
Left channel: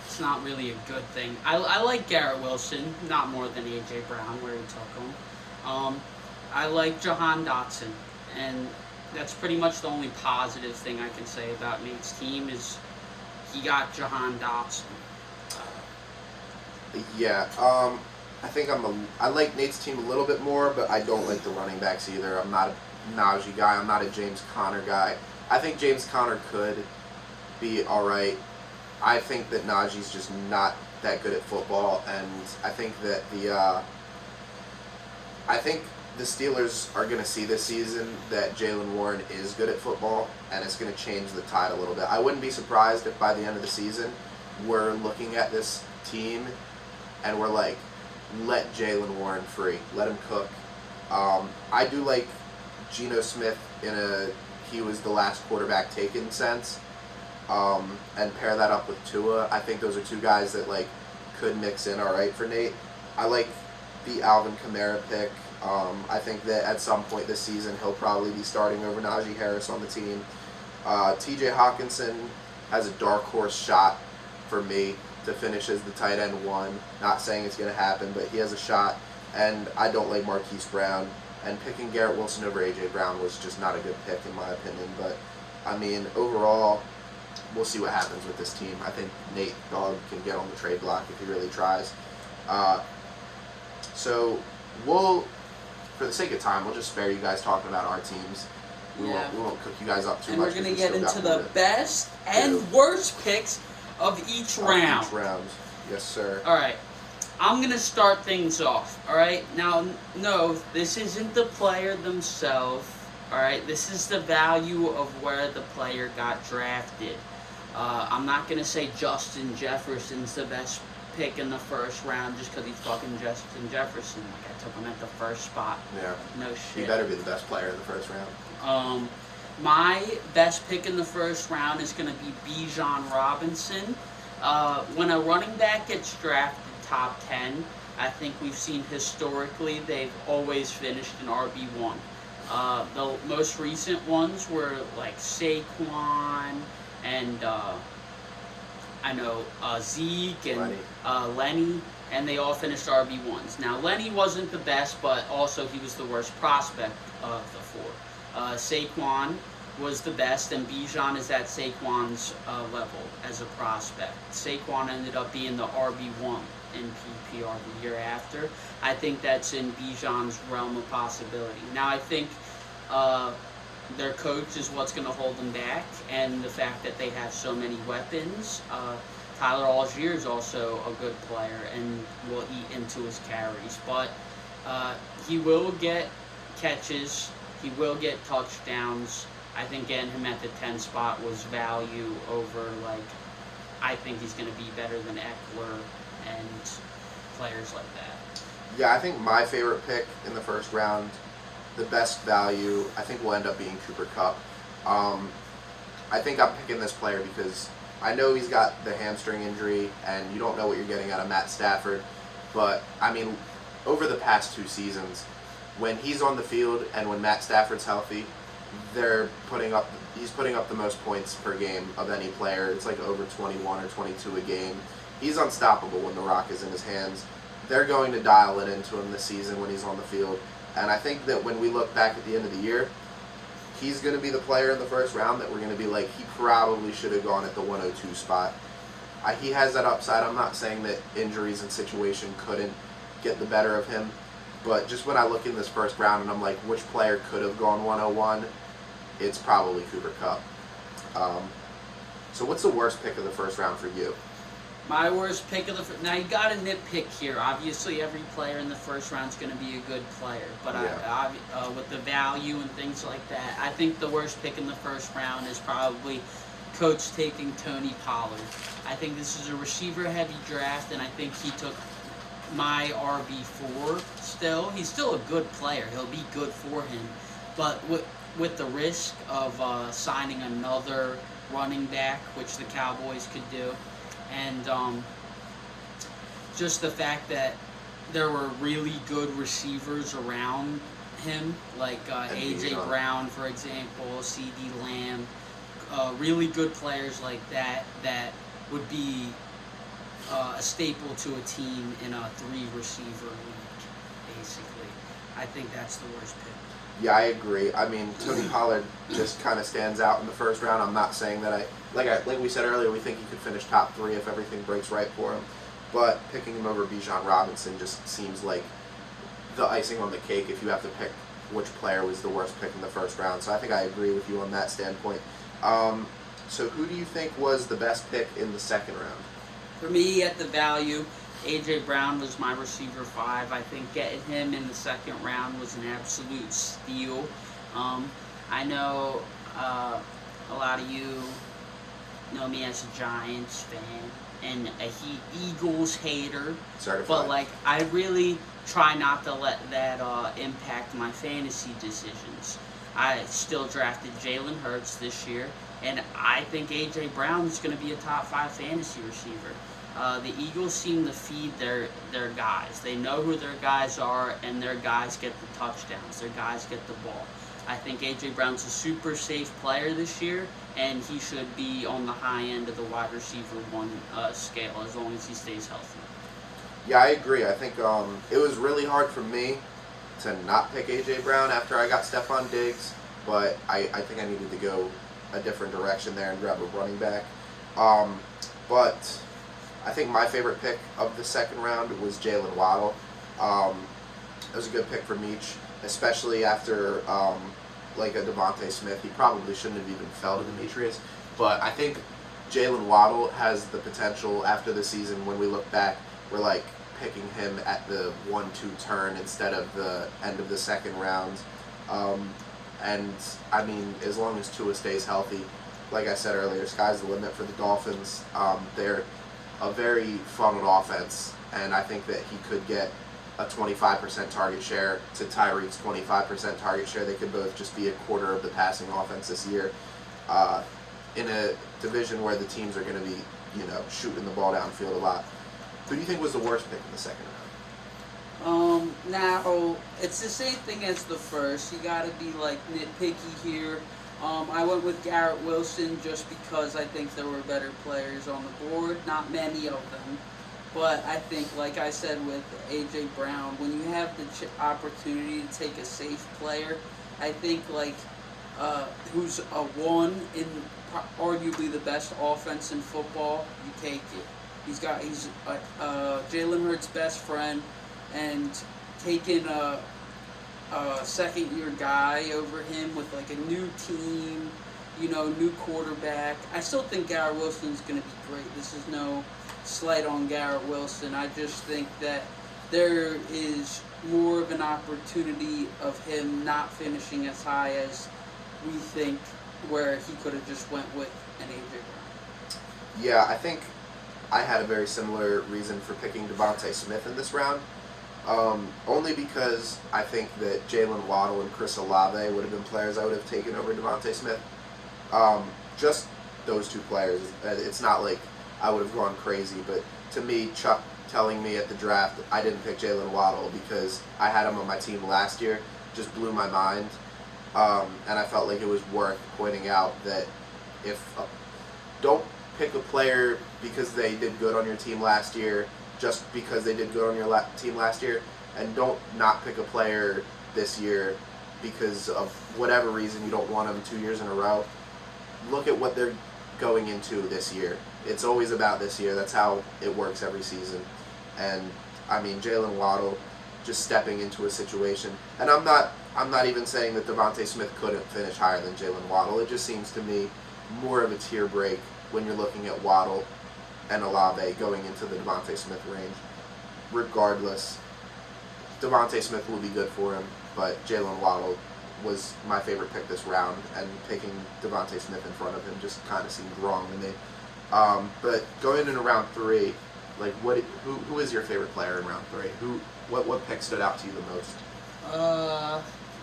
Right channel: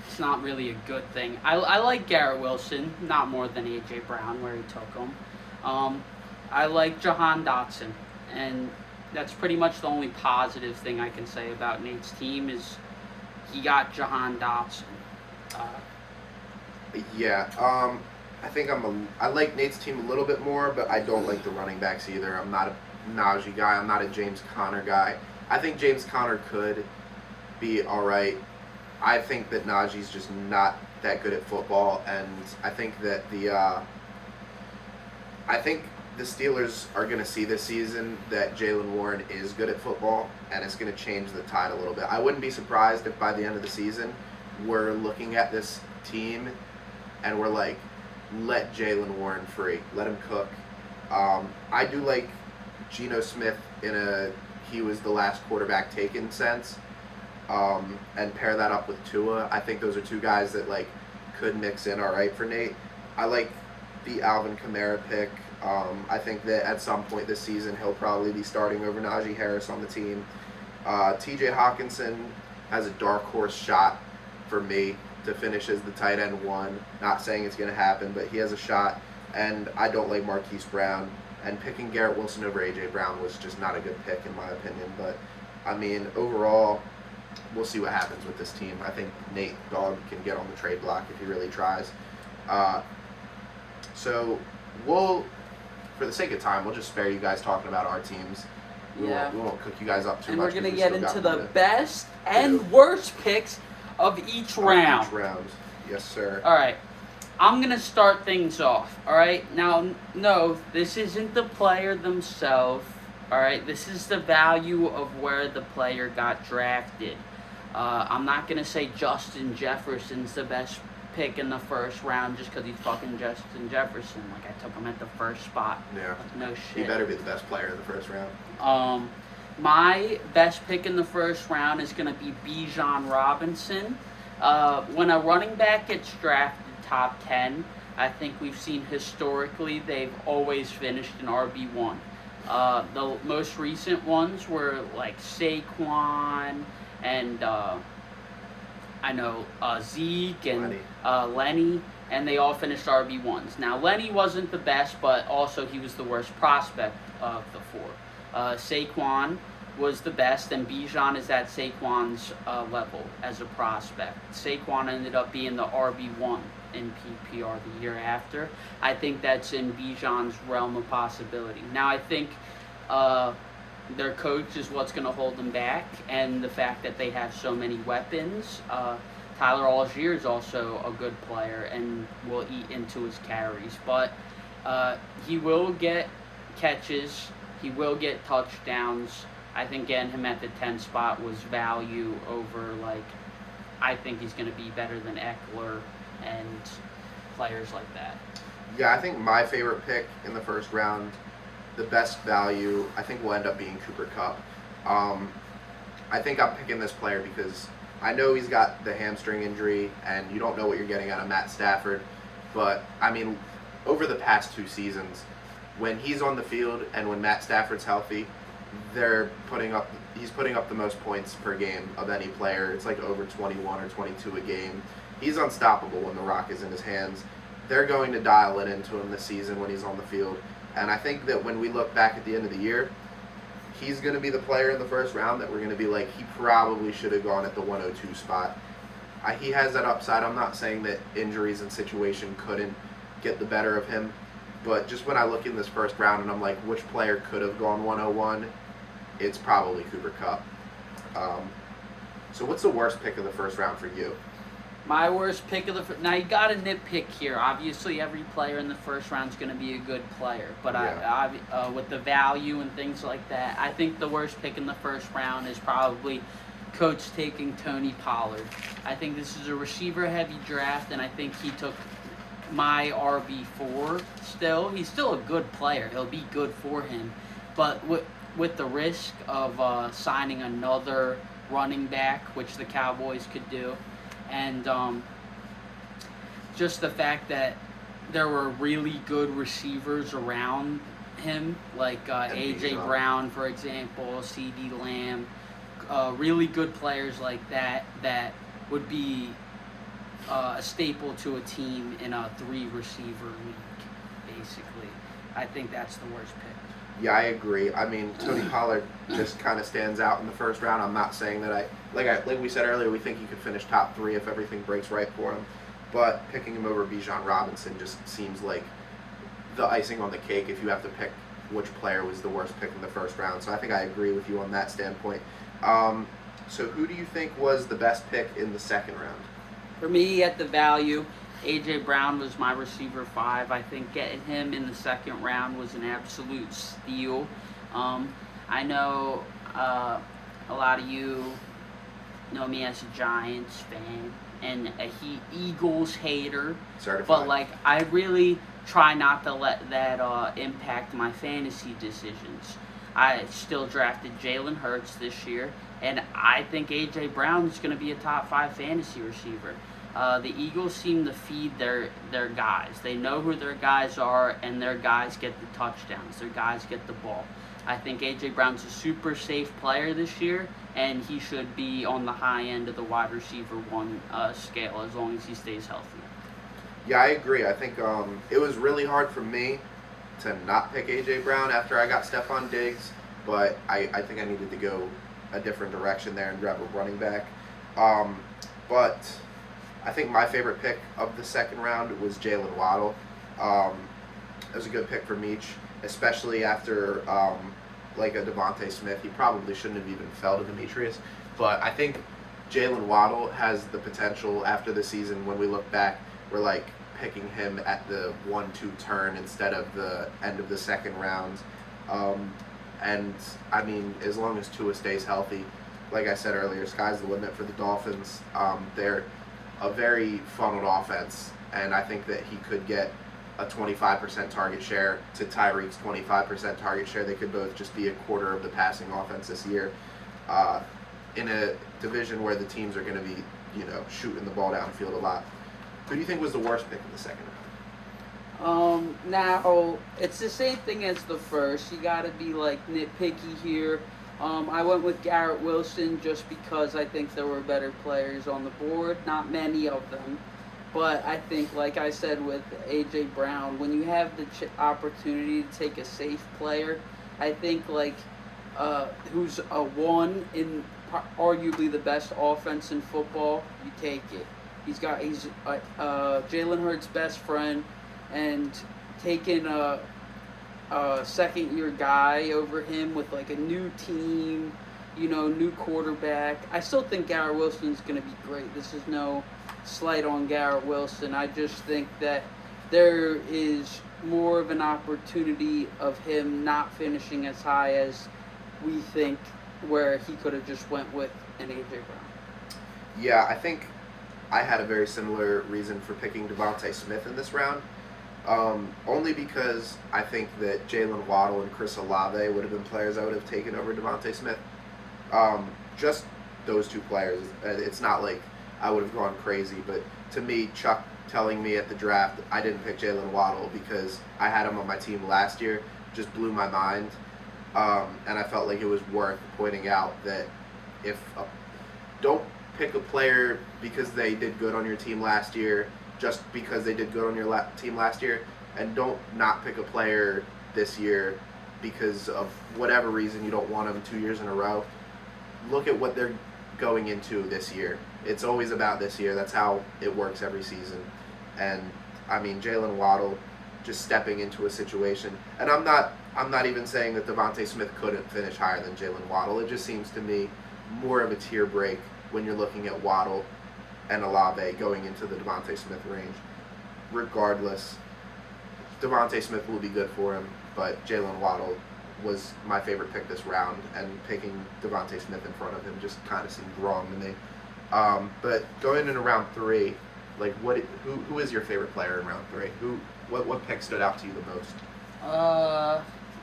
it's not really a good thing. I like Garrett Wilson, not more than A.J. Brown, where he took him. I like Jahan Dotson, and that's pretty much the only positive thing I can say about Nate's team is he got Jahan Dotson. Yeah, I think I like Nate's team a little bit more, but I don't like the running backs either. I'm not a Najee guy. I'm not a James Conner guy. I think James Conner could be all right. I think that Najee's just not that good at football, and I think that the Steelers are going to see this season that Jaylen Warren is good at football, and it's going to change the tide a little bit. I wouldn't be surprised if by the end of the season we're looking at this team and we're like, let Jaylen Warren free, let him cook. I do like Geno Smith he was the last quarterback taken sense. And pair that up with Tua. I think those are 2 guys that like could mix in all right for Nate. I like the Alvin Kamara pick. I think that at some point this season he'll probably be starting over Najee Harris on the team. T.J. Hawkinson has a dark horse shot for me to finish as the tight end 1. Not saying it's going to happen, but he has a shot. And I don't like Marquise Brown. And picking Garrett Wilson over A.J. Brown was just not a good pick in my opinion. But I mean, overall, we'll see what happens with this team. I think Nate Dogg can get on the trade block if he really tries. So we'll, for the sake of time, we'll just spare you guys talking about our teams. We won't cook you guys up too much. much. And we're going to get into the best and worst picks of each round. Yes, sir. All right. I'm going to start things off. All right. Now, no, this isn't the player themselves. All right. This is the value of where the player got drafted. I'm not going to say Justin Jefferson's the best pick in the first round just because he's fucking Justin Jefferson. Like, I took him at the first spot. Yeah. Like, no He shit. better be the best player in the first round. My best pick in the first round is going to be Bijan Robinson. When a running back gets drafted top 10, I think we've seen historically they've always finished in RB1. The most recent ones were like Saquon and I know Zeke and Lenny, and they all finished RB1s. Now, Lenny wasn't the best, but also he was the worst prospect of the four. Saquon was the best, and Bijan is at Saquon's level as a prospect. Saquon ended up being the RB1 in PPR the year after. I think that's in Bijan's realm of possibility. Now, I think their coach is what's going to hold them back, and the fact that they have so many weapons. Tyler Algier is also a good player and will eat into his carries, but he will get catches, he will get touchdowns. I think getting him at the 10 spot was value over, like, I think he's going to be better than Eckler and players like that. Yeah, I think my favorite pick in the first round, the best value, I think will end up being Cooper Kupp. I think I'm picking this player because I know he's got the hamstring injury, and you don't know what you're getting out of Matt Stafford. But, I mean, over the past 2 seasons, when he's on the field and when Matt Stafford's healthy, he's putting up the most points per game of any player. It's like over 21 or 22 a game. He's unstoppable when the rock is in his hands. They're going to dial it into him this season when he's on the field. And I think that when we look back at the end of the year, he's going to be the player in the first round that we're going to be like, he probably should have gone at the 102 spot. He has that upside. I'm not saying that injuries and situation couldn't get the better of him, but just when I look in this first round and I'm like, which player could have gone 101, it's probably Cooper Kupp. So what's the worst pick of the first round for you? My worst pick of the now you got to nitpick here. Obviously, every player in the first round is going to be a good player, but Yeah. with the value and things like that, I think the worst pick in the first round is probably Coach taking Tony Pollard. I think this is a receiver-heavy draft, and I think he took my RB4. Still, he's still a good player. He'll be good for him, but with the risk of signing another running back, which the Cowboys could do. And just the fact that there were really good receivers around him, like A.J. Brown, for example, C.D. Lamb, really good players like that would be a staple to a team in a 3-receiver league, basically. I think that's the worst pick. Yeah, I agree. I mean, Tony Pollard just kind of stands out in the first round. I'm not saying that like we said earlier, we think he could finish top 3 if everything breaks right for him. But picking him over Bijan Robinson just seems like the icing on the cake if you have to pick which player was the worst pick in the first round. So I think I agree with you on that standpoint. So who do you think was the best pick in the second round? For me, at the value, A.J. Brown was my receiver 5. I think getting him in the second round was an absolute steal. I know a lot of you know me as a Giants fan and a Eagles hater. Certified. But, like, I really try not to let that impact my fantasy decisions. I still drafted Jalen Hurts this year, and I think A.J. Brown is going to be a top 5 fantasy receiver. The Eagles seem to feed their guys. They know who their guys are, and their guys get the touchdowns. Their guys get the ball. I think A.J. Brown's a super safe player this year, and he should be on the high end of the wide receiver 1 scale as long as he stays healthy. Yeah, I agree. I think it was really hard for me to not pick A.J. Brown after I got Stephon Diggs, but I think I needed to go a different direction there and grab a running back. But I think my favorite pick of the second round was Jalen Waddle. It was a good pick for Meach, especially after like a Devontae Smith. He probably shouldn't have even fell to Demetrius, but I think Jalen Waddle has the potential after the season. When we look back, we're like picking him at the 1-2 turn instead of the end of the second round. And I mean, as long as Tua stays healthy, like I said earlier, sky's the limit for the Dolphins. They're a very funneled offense, and I think that he could get a 25% target share to Tyreek's 25% target share. They could both just be a quarter of the passing offense this year, in a division where the teams are going to be, shooting the ball downfield a lot. Who do you think was the worst pick in the second round? Now it's the same thing as the first. You got to be like nitpicky here. I went with Garrett Wilson just because I think there were better players on the board. Not many of them. But I think, like I said with A.J. Brown, when you have the opportunity to take a safe player, I think, who's a one in arguably the best offense in football, you take it. He's Jalen Hurts' best friend, and taking a second-year guy over him with, a new team, new quarterback. I still think Garrett Wilson's going to be great. This is no slight on Garrett Wilson. I just think that there is more of an opportunity of him not finishing as high as we think, where he could have just went with an A.J. Brown. Yeah, I think I had a very similar reason for picking Devontae Smith in this round. Only because I think that Jalen Waddle and Chris Olave would have been players I would have taken over Devontae Smith. Just those two players. It's not like I would have gone crazy, but to me, Chuck telling me at the draft I didn't pick Jalen Waddle because I had him on my team last year just blew my mind. And I felt like it was worth pointing out that don't pick a player because they did good on your team last year, just because they did good on your team last year, and don't not pick a player this year because of whatever reason you don't want them 2 years in a row. Look at what they're going into this year. It's always about this year. That's how it works every season. And I mean, Jalen Waddle just stepping into a situation, and I'm not even saying that Devontae Smith couldn't finish higher than Jalen Waddle. It just seems to me more of a tier break when you're looking at Waddle and Olave going into the Devontae Smith range. Regardless, Devontae Smith will be good for him, but Jalen Waddle was my favorite pick this round, and picking Devontae Smith in front of him just kind of seemed wrong to me. But going into round 3, who is your favorite player in round 3? What pick stood out to you the most?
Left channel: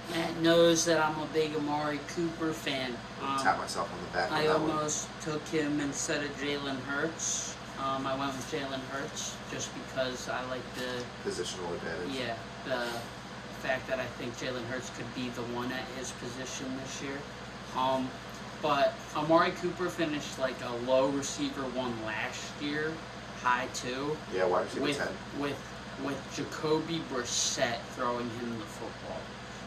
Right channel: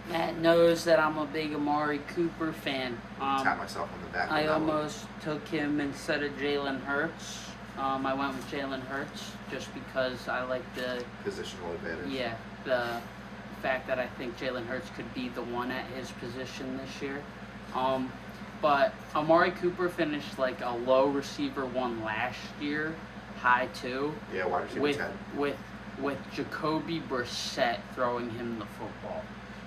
Matt knows that I'm a big Amari Cooper fan. Tap myself on the back. I almost took him instead of Jalen Hurts. I went with Jalen Hurts just because I like the positional advantage. Yeah, the fact that I think Jalen Hurts could be the one at his position this year. But Amari Cooper finished like a low receiver 1 last year, high 2. Yeah, wide receiver 10. With Jacoby Brissett throwing him the football.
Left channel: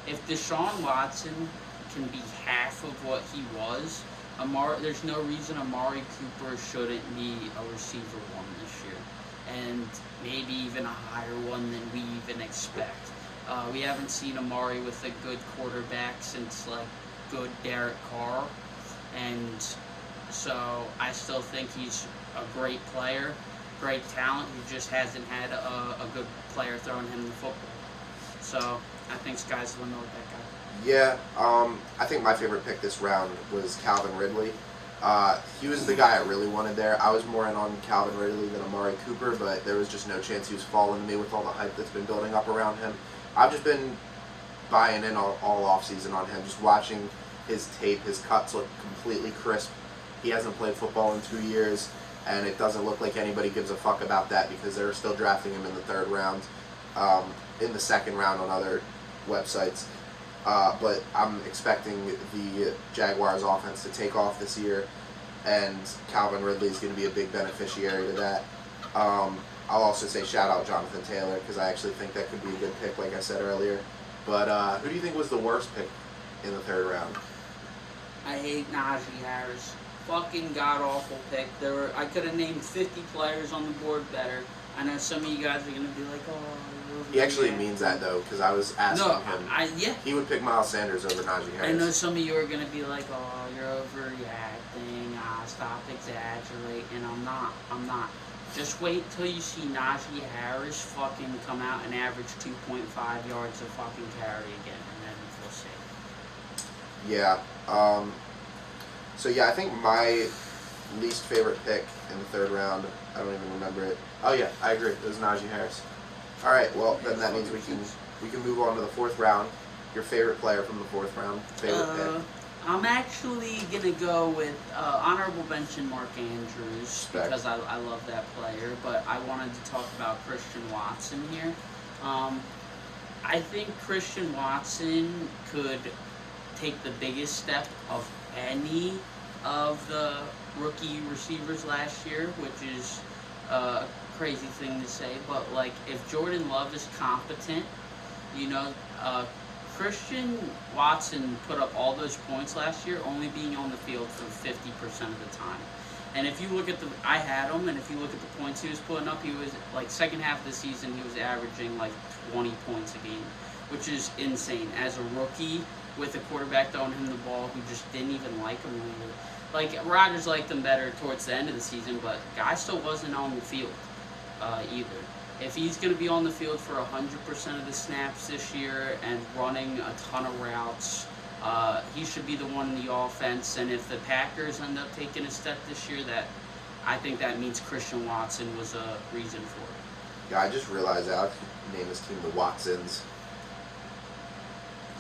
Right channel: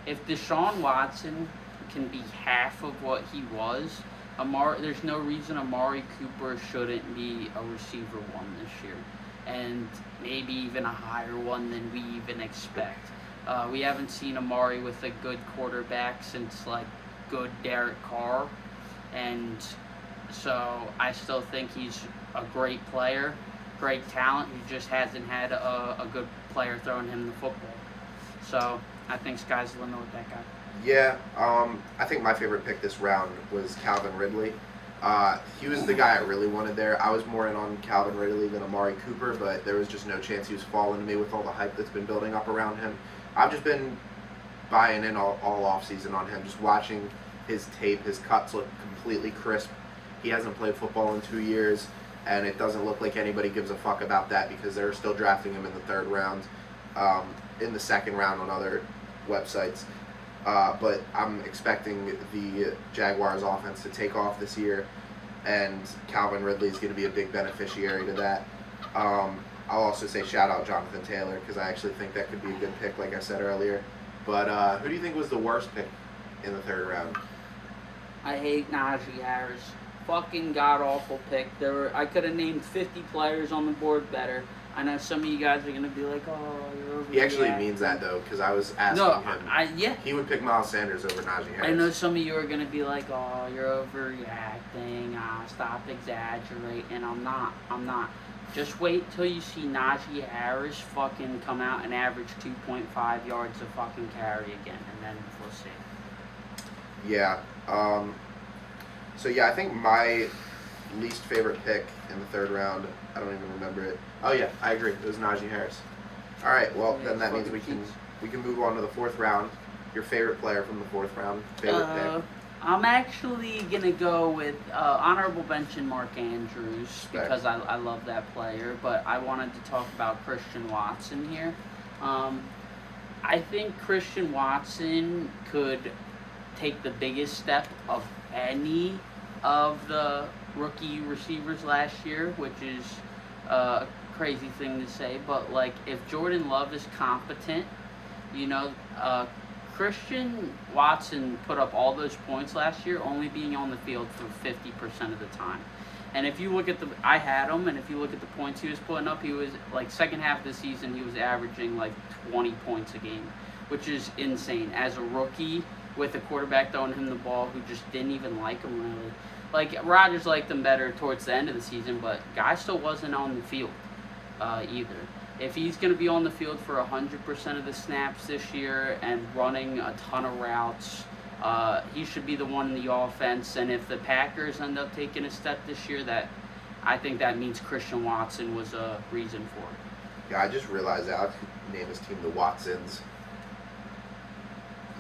If Deshaun Watson can be half of what he was, there's no reason Amari Cooper shouldn't be a receiver 1 this year, and maybe even a higher one than we even expect. We haven't seen Amari with a good quarterback since good Derek Carr, and so I still think he's a great player, great talent. He just hasn't had a good player throwing him the football. So I think sky's the limit with that guy. Yeah, I think my favorite pick this round was Calvin Ridley. He was the guy I really wanted there. I was more in on Calvin Ridley than Amari Cooper, but there was just no chance he was falling to me with all the hype that's been building up around him. I've just been buying in all offseason on him, just watching his tape. His cuts look completely crisp. He hasn't played football in 2 years, and it doesn't look like anybody gives a fuck about that because they're still drafting him in the 3rd round, in the 2nd round on other websites. But I'm expecting the Jaguars offense to take off this year, and Calvin Ridley is going to be a big beneficiary to that. I'll also say shout out Jonathan Taylor because I actually think that could be a good pick, like I said earlier. But who do you think was the worst pick in the 3rd round? I hate Najee Harris. Fucking god-awful pick. I could have named 50 players on the board better. I know some of you guys are going to be like, oh, you're overreacting. He actually means that, though, because I was asking him. Yeah. He would pick Miles Sanders over Najee Harris. I know some of you are going to be like, oh, you're overreacting. Stop exaggerating. I'm not. Just wait till you see Najee Harris fucking come out and average 2.5 yards a fucking carry again, and then we'll see. Yeah. So, yeah, I think my least favorite pick in the third round. I don't even remember it. Oh yeah, I agree. It was Najee Harris. All right, well then that means we can move on to the fourth round. Your favorite player from the fourth round? Favorite pick? I'm actually gonna go with honorable mention Mark Andrews Respect. because I love that player. But I wanted to talk about Christian Watson here. I think Christian Watson could take the biggest step of any of the rookie receivers last year, which is a crazy thing to say. But like, if Jordan Love is competent, you know, Christian Watson put up all those points last year, only being on the field for 50% of the time. And if you look at I had him, and if you look at the points he was putting up, he was like second half of the season, he was averaging like 20 points a game, which is insane. As a rookie with a quarterback throwing him the ball who just didn't even like him really. Like Rodgers liked him better towards the end of the season, but guy still wasn't on the field either. If he's going to be on the field for 100% of the snaps this year and running a ton of routes, he should be the one in the offense. And if the Packers end up taking a step this year, I think that means Christian Watson was a reason for it. Yeah, I just realized Alex named his team the Watsons.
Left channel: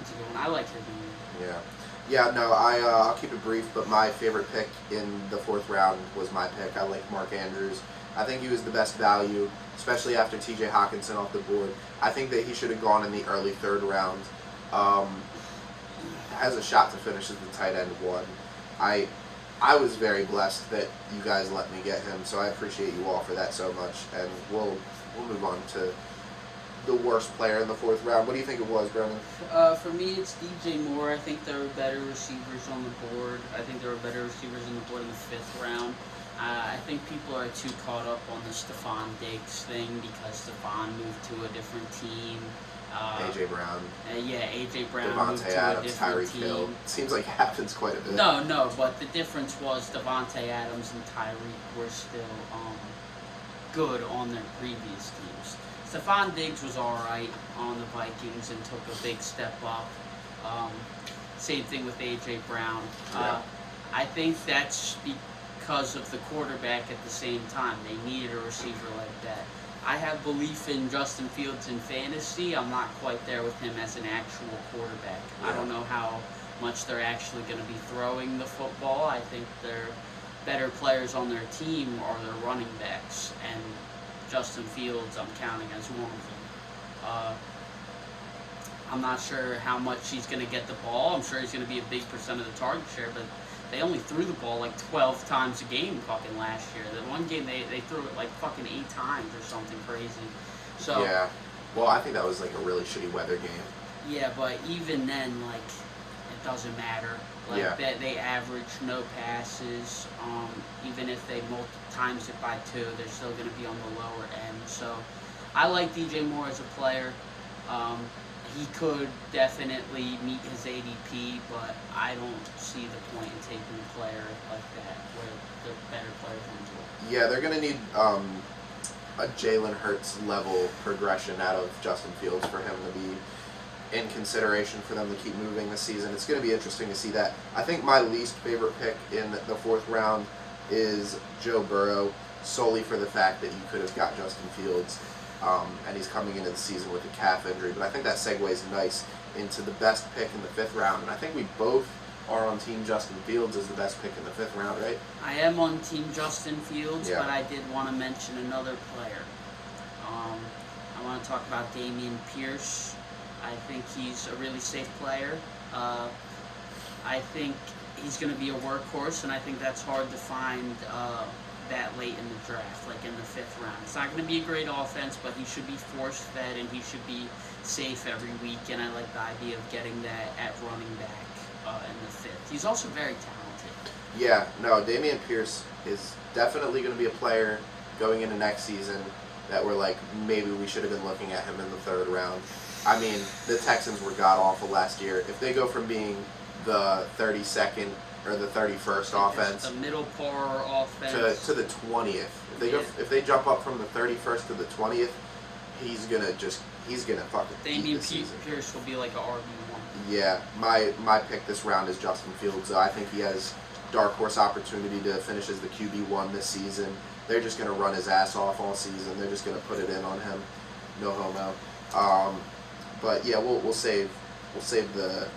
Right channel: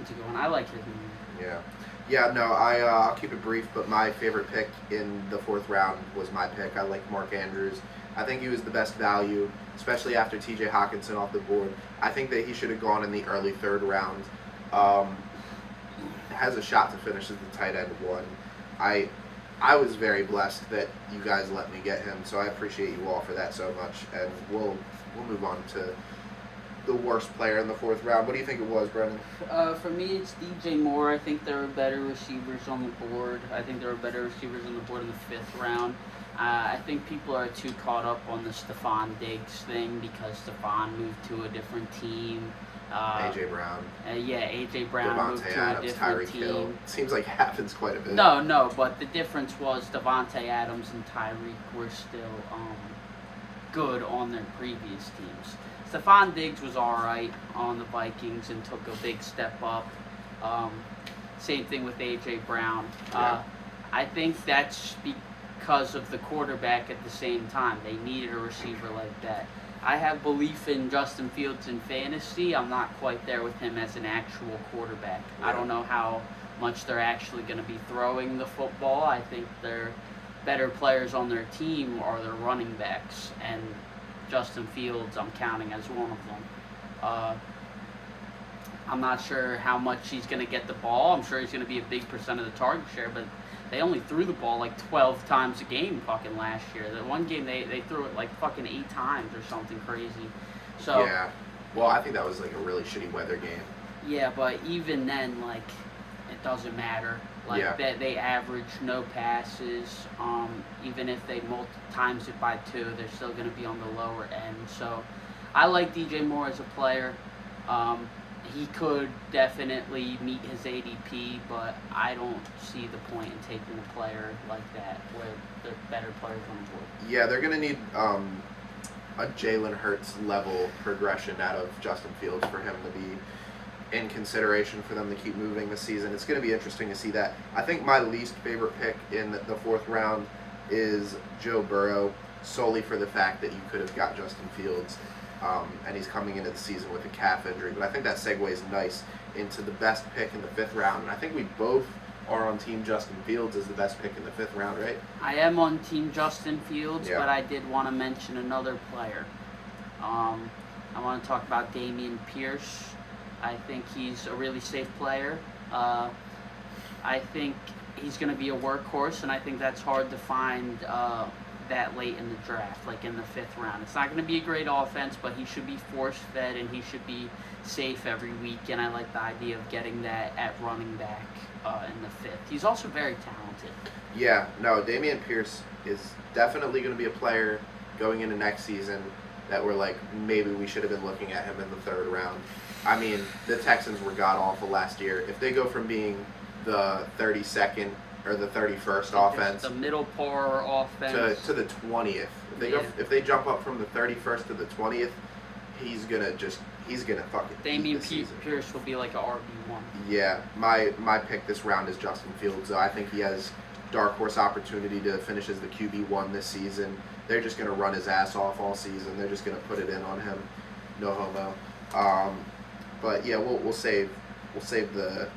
It's a good one. I like his name. Yeah. Yeah, no, I'll keep it brief, but my favorite pick in the fourth round was my pick. I like Mark Andrews. I think he was the best value, especially after T.J. Hockenson off the board. I think that he should have gone in the early third round. Has a shot to finish as the tight end one. I was very blessed that you guys let me get him, so I appreciate you all for that so much. And we'll move on to the worst player in the fourth round. What do you think it was, Brennan? For me, it's DJ Moore. I think there are better receivers on the board. I think there are better receivers on the board in the fifth round. I think people are too caught up on the Stephon Diggs thing because Stephon moved to a different team. A.J. Brown. A.J. Brown moved Devontae to Adams, a different Tyreek team. Hill. Seems like it happens quite a bit. No, but the difference was Devontae Adams and Tyreek were still good on their previous teams. Stephon Diggs was alright on the Vikings and took a big step up. Same thing with A.J. Brown. I think that's because of the quarterback at the same time. They needed a receiver like that. I have belief in Justin Fields in fantasy. I'm not quite there with him as an actual quarterback. Yeah. I don't know how much they're actually going to be throwing the football. I think their better players on their team are their running backs, and Justin Fields I'm counting as one of them. I'm not sure how much he's going to get the ball. I'm sure he's going to be a big percent of the target share, but they only threw the ball like 12 times a game fucking last year. The one game they threw it like fucking 8 times or something crazy. So yeah. Well, I think that was like a really shitty weather game. yeah, but even then, like, it doesn't matter. Like, Yeah. they average no passes. Even if they times it by 2, they're still going to be on the lower end. So I like DJ Moore as a player. He could definitely meet his ADP, but I don't see the point in taking a player like that where there are better players on the board. Yeah, they're going to need a Jalen Hurts level progression out of Justin Fields for him to be in consideration for them to keep moving this season. It's going to be interesting to see that. I think my least favorite pick in the fourth round is Joe Burrow, solely for the fact that you could have got Justin Fields. And he's coming into the season with a calf injury. But I think that segues nice into the best pick in the fifth round. And I think we both are on team Justin Fields as the best pick in the fifth round, right? I am on team Justin Fields, Yeah. but I did want to mention another player. I want to talk about Dameon Pierce. I think he's a really safe player. I think he's going to be a workhorse, and I think that's hard to find that late in the draft, like in the fifth round. It's not going to be a great offense, but he should be force-fed and he should be safe every week, and I like the idea of getting that at running back in the fifth. He's also very talented. Yeah, no, Dameon Pierce is definitely going to be a player going into next season that we're like, maybe we should have been looking at him in the third round. I mean, the Texans were god-awful last year. If they go from being the 32nd or the 31st offense the middle par offense to the 20th, if they jump up from the 31st to the 20th, he's gonna fucking eat the season. Pierce will be like a RB1. Yeah, my pick this round is Justin Fields. I think he has dark horse opportunity to finish as the QB1 this season. They're just going to run his ass off all season. They're just going to put it in on him. No homo. But yeah, we'll save the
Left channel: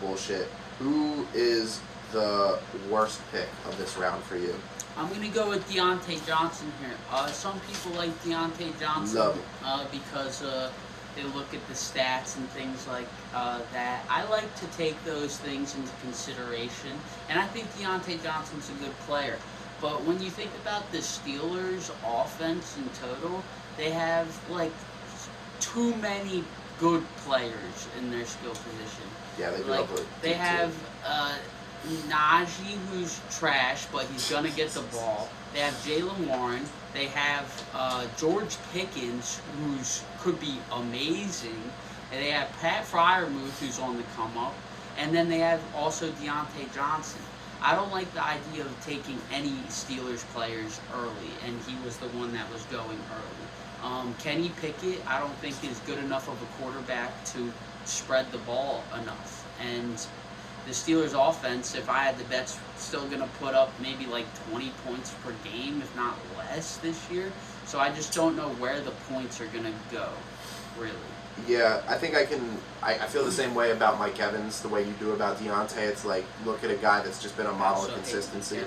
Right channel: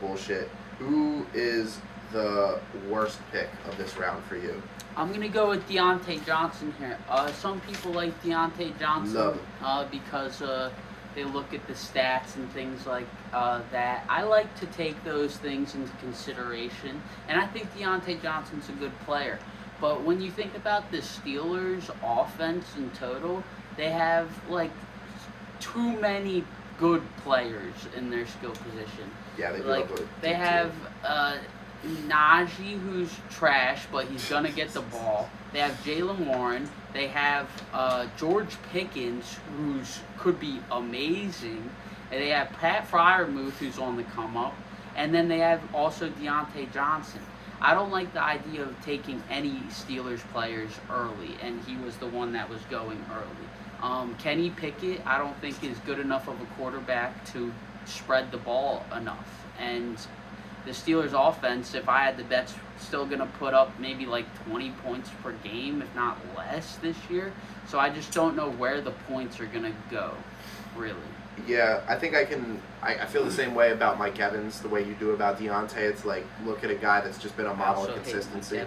bullshit. Who is the worst pick of this round for you? I'm going to go with Deontay Johnson here. Some people like Deontay Johnson Love it. because they look at the stats and things like that. I like to take those things into consideration, and I think Deontay Johnson's a good player. But when you think about the Steelers' offense in total, they have like too many good players in their skill position. Yeah, they do. Like they have Najee, who's trash, but he's gonna get the ball. They have Jaylen Warren. They have George Pickens, who's could be amazing. And they have Pat Freiermuth, who's on the come up. And then they have also Deontay Johnson. I don't like the idea of taking any Steelers players early, and he was the one that was going early. Kenny Pickett, I don't think is good enough of a quarterback to spread the ball enough. And the Steelers offense, if I had the bets, still going to put up maybe like 20 points per game, if not less this year. So I just don't know where the points are going to go, really. Yeah, I think I feel the same way about Mike Evans, the way you do about Deontay. It's like, look at a guy that's just been a model of consistency.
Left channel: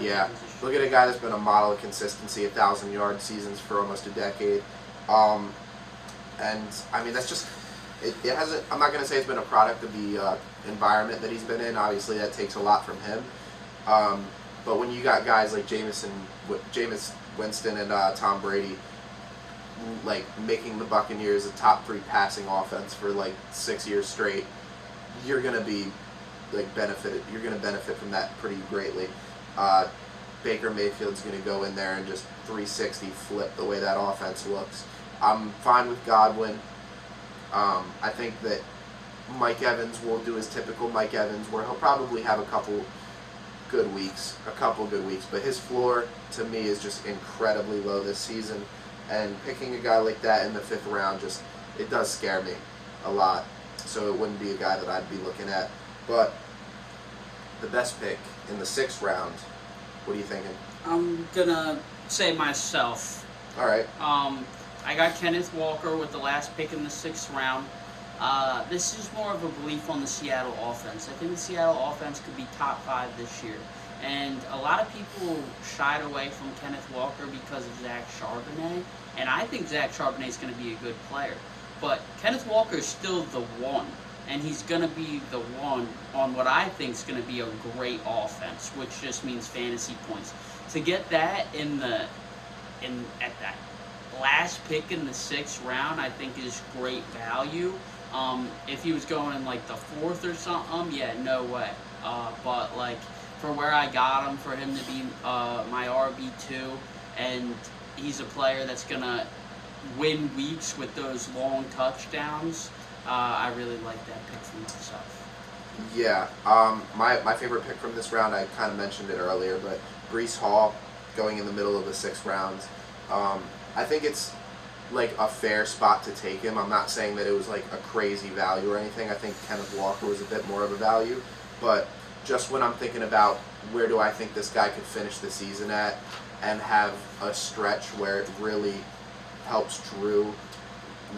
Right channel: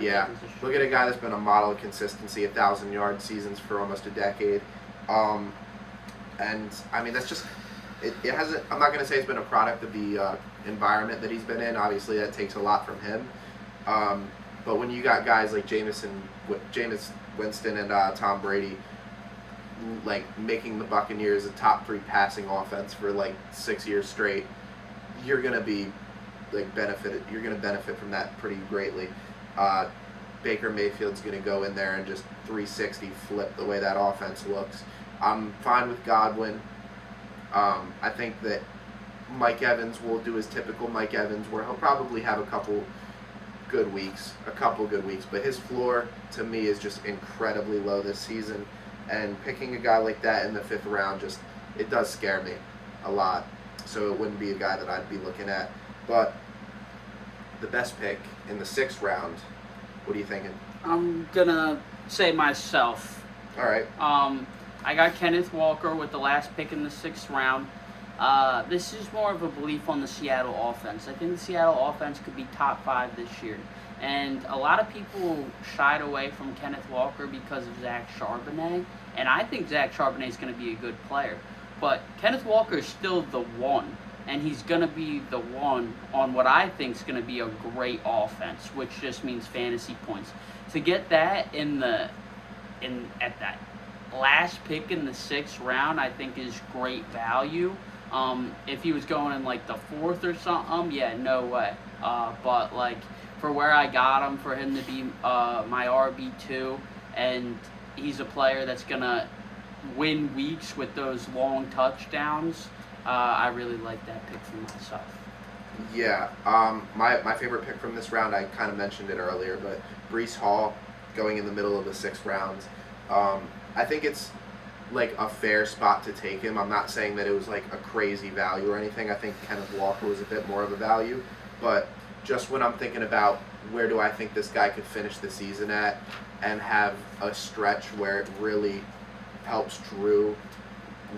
Yeah, look at a guy that's been a model of consistency, 1,000-yard seasons for almost a decade. And, I mean, that's just, it hasn't, I'm not going to say it's been a product of the environment that he's been in. Obviously, that takes a lot from him. But when you got guys like Jameis Winston and Tom Brady, like making the Buccaneers a top 3 passing offense for like 6 years straight, you're gonna be like benefited. You're gonna benefit from that pretty greatly. Baker Mayfield's gonna go in there and just 360 flip the way that offense looks. I'm fine with Godwin. I think that Mike Evans will do his typical Mike Evans, where he'll probably have a couple good weeks, but his floor to me is just incredibly low this season. And picking a guy like that in the 5th round, it does scare me a lot. So it wouldn't be a guy that I'd be looking at. But the best pick in the 6th round, what are you thinking? I'm gonna say myself. All right. I got Kenneth Walker with the last pick in the 6th round. This is more of a belief on the Seattle offense. I think the Seattle offense could be top 5 this year. And a lot of people shied away from Kenneth Walker because of Zach Charbonnet. And I think Zach Charbonnet is going to be a good player. But Kenneth Walker is still the one. And he's going to be the one on what I think is going to be a great offense, which just means fantasy points. To get that at that last pick in the 6th round, I think is great value. If he was going in like the 4th or something, yeah, no way. But like, for where I got him, for him to be my RB2, and he's a player that's going to win weeks with those long touchdowns, I really like that pick for myself. Yeah, my favorite pick from this round, I kind of mentioned it earlier, but Breece Hall going in the middle of the 6th round. I think it's like a fair spot to take him. I'm not saying that it was like a crazy value or anything. I think Kenneth Walker was a bit more of a value, but just when I'm thinking about where do I think this guy could finish the season at and have a stretch where it really helps Drew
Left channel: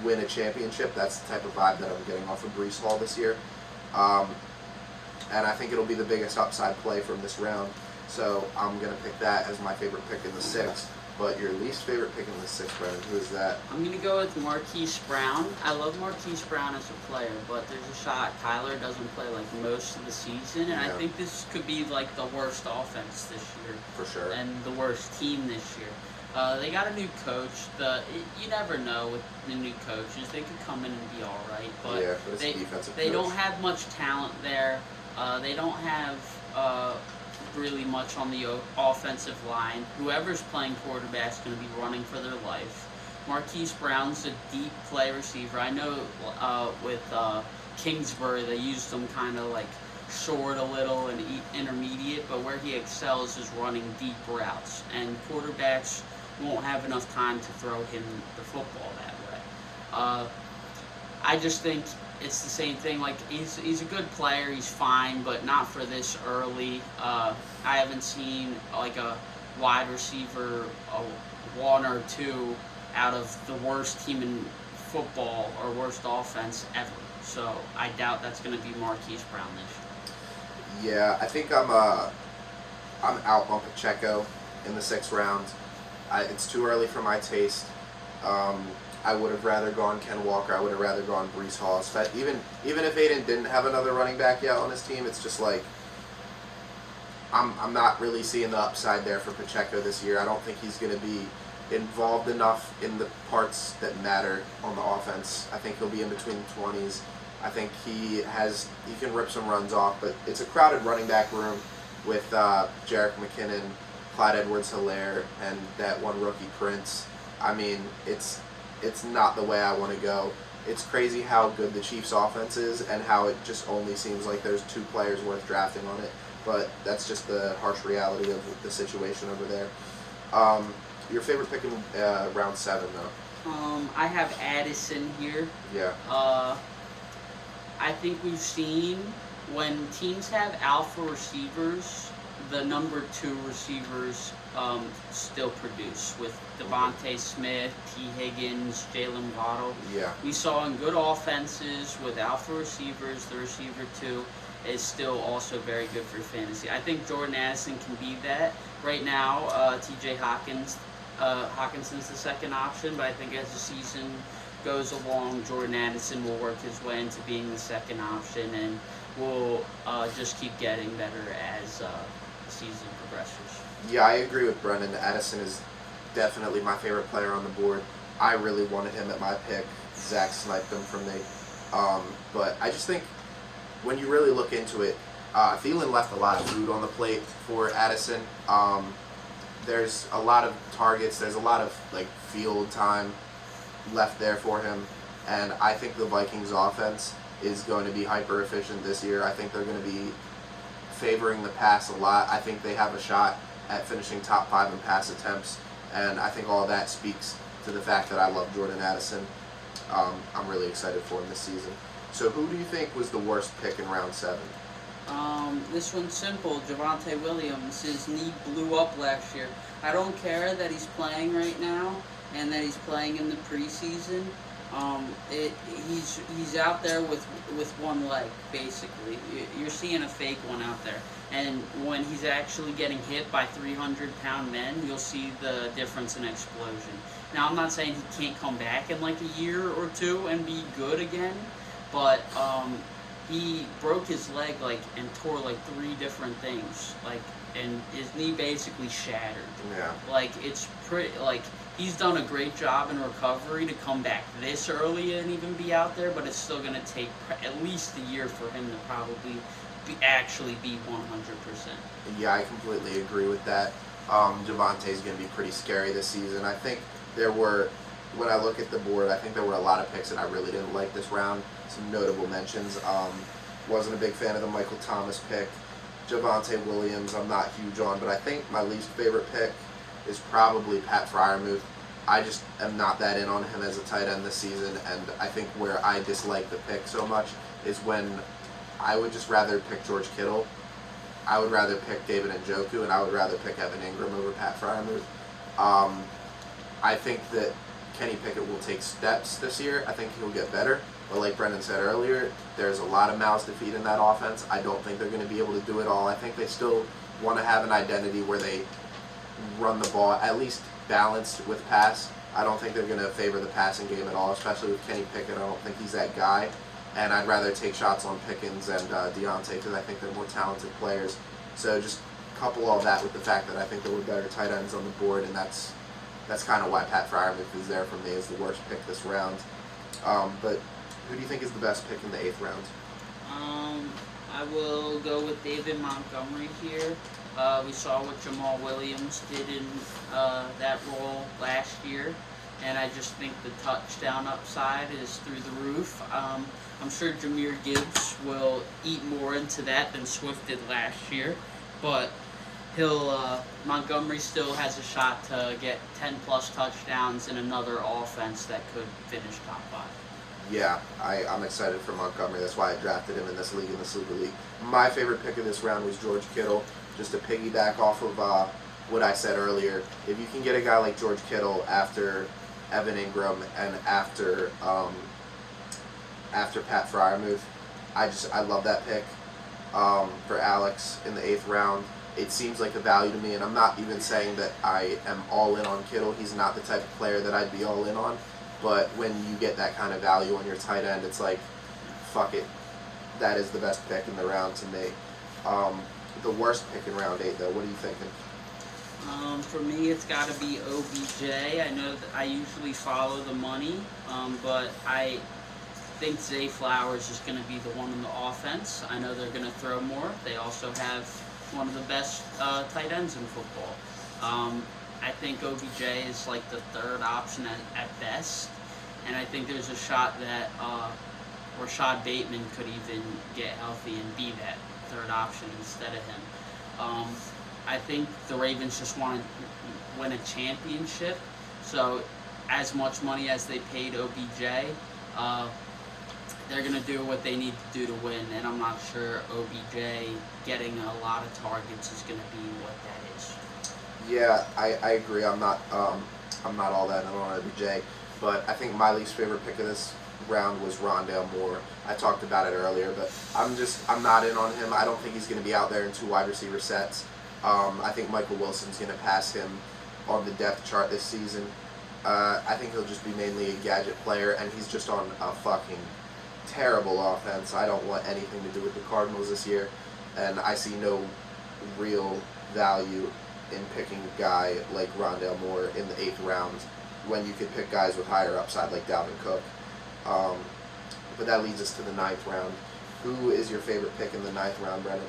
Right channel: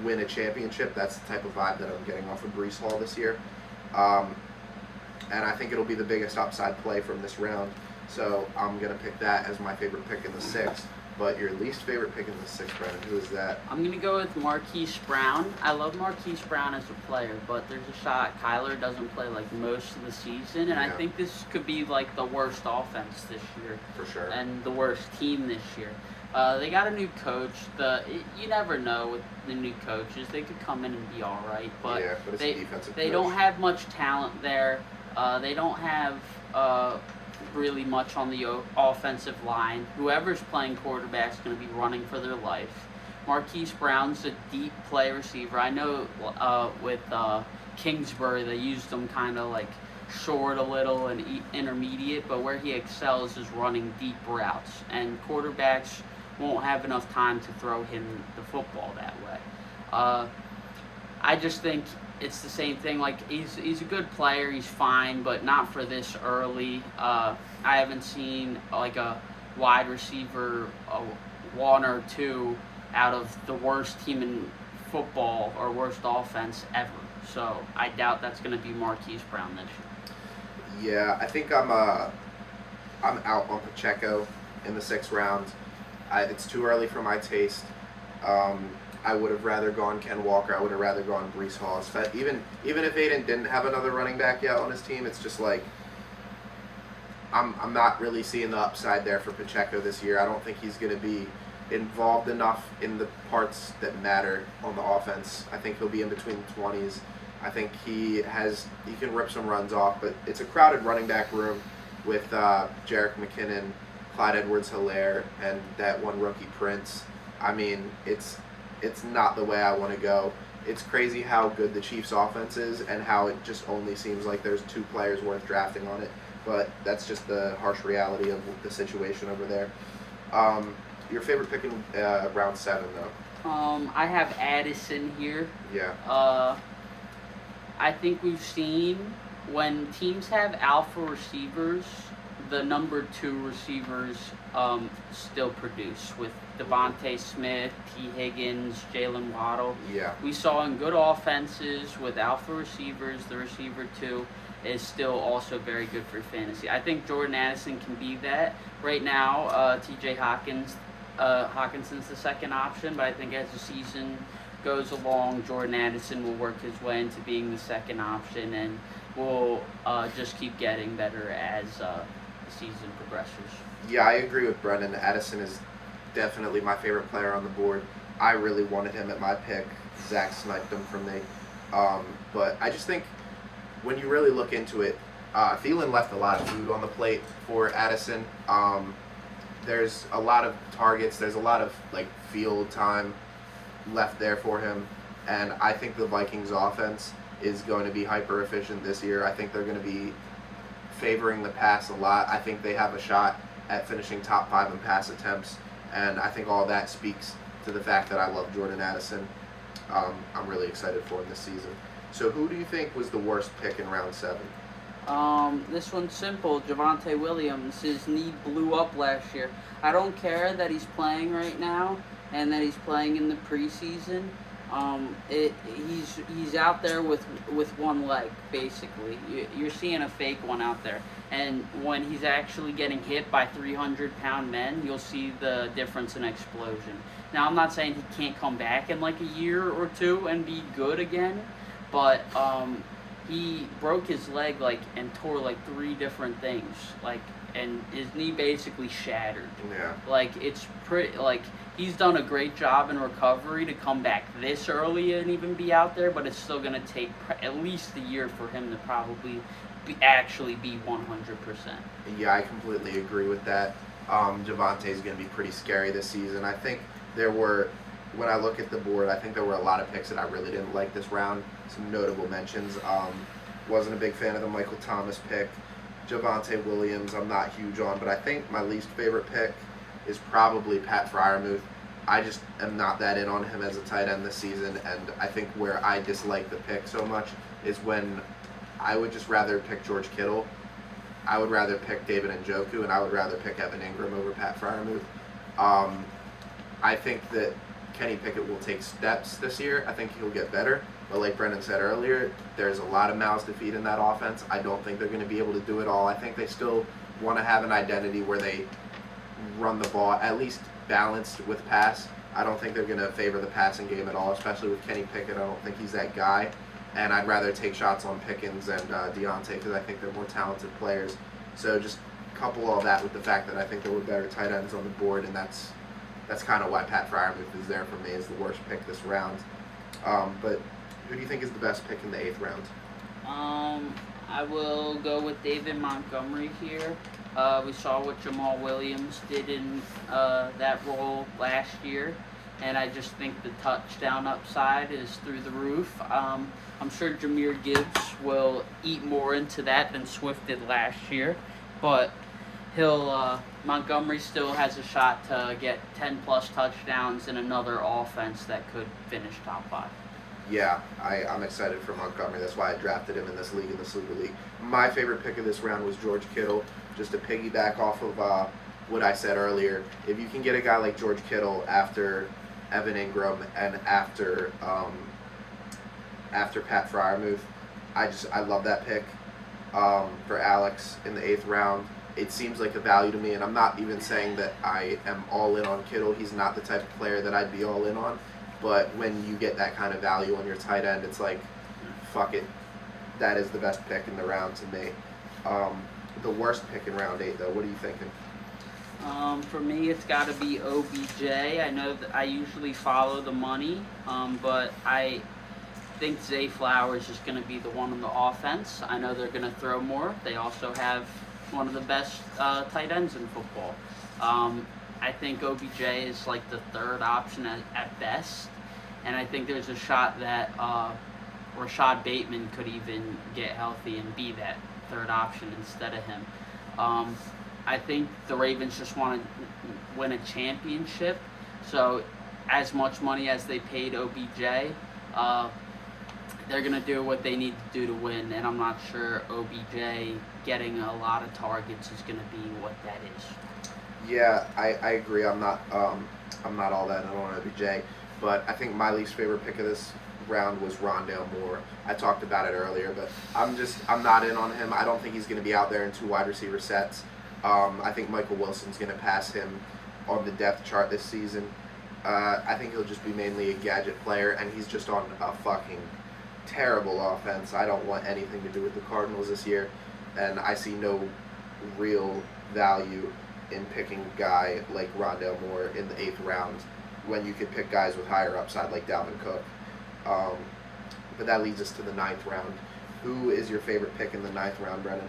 win a championship, that's the type of vibe that I'm getting off of Breece Hall this year. And I think it'll be the biggest upside play from this round. So I'm going to pick that as my favorite pick in the 6th. But your least favorite pick in the 6th round, who is that? I'm going to go with Marquise Brown. I love Marquise Brown as a player, but there's a shot Kyler doesn't play like most of the season, and I think this could be like the worst offense this year. For sure. And the worst team this year. They got a new coach. You never know with the new coaches. They could come in and be all right, but, but it's a defensive they coach. don't have much talent there. They don't have really much on the offensive line. Whoever's playing quarterback is going to be running for their life. Marquise Brown's a deep play receiver. I know with Kingsbury they used him kind of like short a little and intermediate, but where he excels is running deep routes, and quarterbacks won't have enough time to throw him the football that way. I just think it's the same thing. Like he's a good player. He's fine, but not for this early. I haven't seen like a wide receiver, one or two out of the worst team in football or worst offense ever. So I doubt that's going to be Marquise Brown this year. Yeah, I think I'm out on Pacheco in the 6th round. It's too early for my taste. I would have rather gone Ken Walker. I would have rather gone Breece Hall. Even if Aiden didn't have another running back yet on his team, it's just like I'm not really seeing the upside there for Pacheco this year. I don't think he's going to be involved enough in the parts that matter on the offense. I think he'll be in between 20s. I think he can rip some runs off, but it's a crowded running back room with Jerick McKinnon, Clyde Edwards-Helaire, and that one rookie Prince. I mean, it's not the way I want to go. It's crazy how good the Chiefs' offense is and how it just only seems like there's 2 players worth drafting on it. But that's just the harsh reality of the situation over there. Your favorite pick in round 7, though? I have Addison here. Yeah. I think we've seen when teams have alpha receivers, the number 2 receivers still produce with Devontae Smith, T. Higgins, Jalen Waddle. Yeah. We saw in good offenses with alpha receivers, the receiver 2 is still also very good for fantasy. I think Jordan Addison can be that. Right now, T.J. Hawkinson's the second option, but I think as the season goes along, Jordan Addison will work his way into being the second option and will just keep getting better as the season progresses. Yeah, I agree with Brendan. Addison is definitely my favorite player on the board. I really wanted him at my pick. Zach sniped him from me. But I just think when you really look into it, Thielen left a lot of food on the plate for Addison. There's a lot of targets. There's a lot of field time left there for him. And I think the Vikings offense is going to be hyper efficient this year. I think they're going to be favoring the pass a lot. I think they have a shot at finishing top 5 in pass attempts. And I think all that speaks to the fact that I love Jordan Addison. I'm really excited for him this season. So who do you think was the worst pick in round 7? This one's simple. Javonte Williams. His knee blew up last year. I don't care that he's playing right now and that he's playing in the preseason. He's out there with one leg, basically. You're seeing a fake one out there. And when he's actually getting hit by 300-pound men, you'll see the difference in explosion. Now, I'm not saying he can't come back in a year or 2 and be good again, but he broke his leg and tore 3 different things, and his knee basically shattered. Yeah. It's pretty he's done a great job in recovery to come back this early and even be out there, but it's still going to take at least a year for him to probably actually be 100%. Yeah, I completely agree with that. Javonte's going to be pretty scary this season. I think when I look at the board, I think there were a lot of picks that I really didn't like this round. Some notable mentions. Wasn't a big fan of the Michael Thomas pick. Javonte Williams, I'm not huge on, but I think my least favorite pick is probably Pat Freiermuth. I just am not that in on him as a tight end this season, and I think where I dislike the pick so much is when I would just rather pick George Kittle. I would rather pick David Njoku, and I would rather pick Evan Ingram over Pat Freiermuth. I think that Kenny Pickett will take steps this year. I think he'll get better. But like Brendan said earlier, there's a lot of mouths to feed in that offense. I don't think they're going to be able to do it all. I think they still want to have an identity where they run the ball at least balanced with pass. I don't think they're going to favor the passing game at all, especially with Kenny Pickett. I don't think he's that guy. And I'd rather take shots on Pickens and Deontay because I think they're more talented players. So just couple all that with the fact that I think there were better tight ends on the board, and that's kind of why Pat Freiermuth is there for me as the worst pick this round. But who do you think is the best pick in the 8th round? I will go with David Montgomery here. We saw what Jamal Williams did in that role last year, and I just think the touchdown upside is through the roof. I'm sure Jahmyr Gibbs will eat more into that than Swift did last year, but Montgomery still has a shot to get 10-plus touchdowns in another offense that could finish top 5. Yeah, I'm excited for Montgomery. That's why I drafted him in this league, in the Sleeper League. My favorite pick of this round was George Kittle. Just to piggyback off of what I said earlier, if you can get a guy like George Kittle after Evan Ingram and after Pat Fryermuth, I love that pick for Alex in the 8th round. It seems like a value to me, and I'm not even saying that I am all in on Kittle. He's not the type of player that I'd be all in on. But when you get that kind of value on your tight end, it's like, fuck it. That is the best pick in the round to me. The worst pick in round 8, though. What are you thinking? For me, it's got to be OBJ. I know that I usually follow the money, but I think Zay Flowers is going to be the one on the offense. I know they're going to throw more. They also have one of the best tight ends in football. I think OBJ is like the third option at best, and I think there's a shot that Rashad Bateman could even get healthy and be that third option instead of him. I think the Ravens just want to win a championship, so as much money as they paid OBJ, they're going to do what they need to do to win, and I'm not sure OBJ getting a lot of targets is going to be what that is. Yeah, I agree. I'm not all that on OBJ, but I think my least favorite pick of this round was Rondale Moore. I talked about it earlier, but I'm not in on him. I don't think he's going to be out there in 2 wide receiver sets. I think Michael Wilson's going to pass him on the depth chart this season. I think he'll just be mainly a gadget player, and he's just on a fucking terrible offense. I don't want anything to do with the Cardinals this year, and I see no real value in picking a guy like Rondale Moore in the 8th round when you could pick guys with higher upside like Dalvin Cook. But that leads us to the 9th round. Who is your favorite pick in the 9th round, Brennan?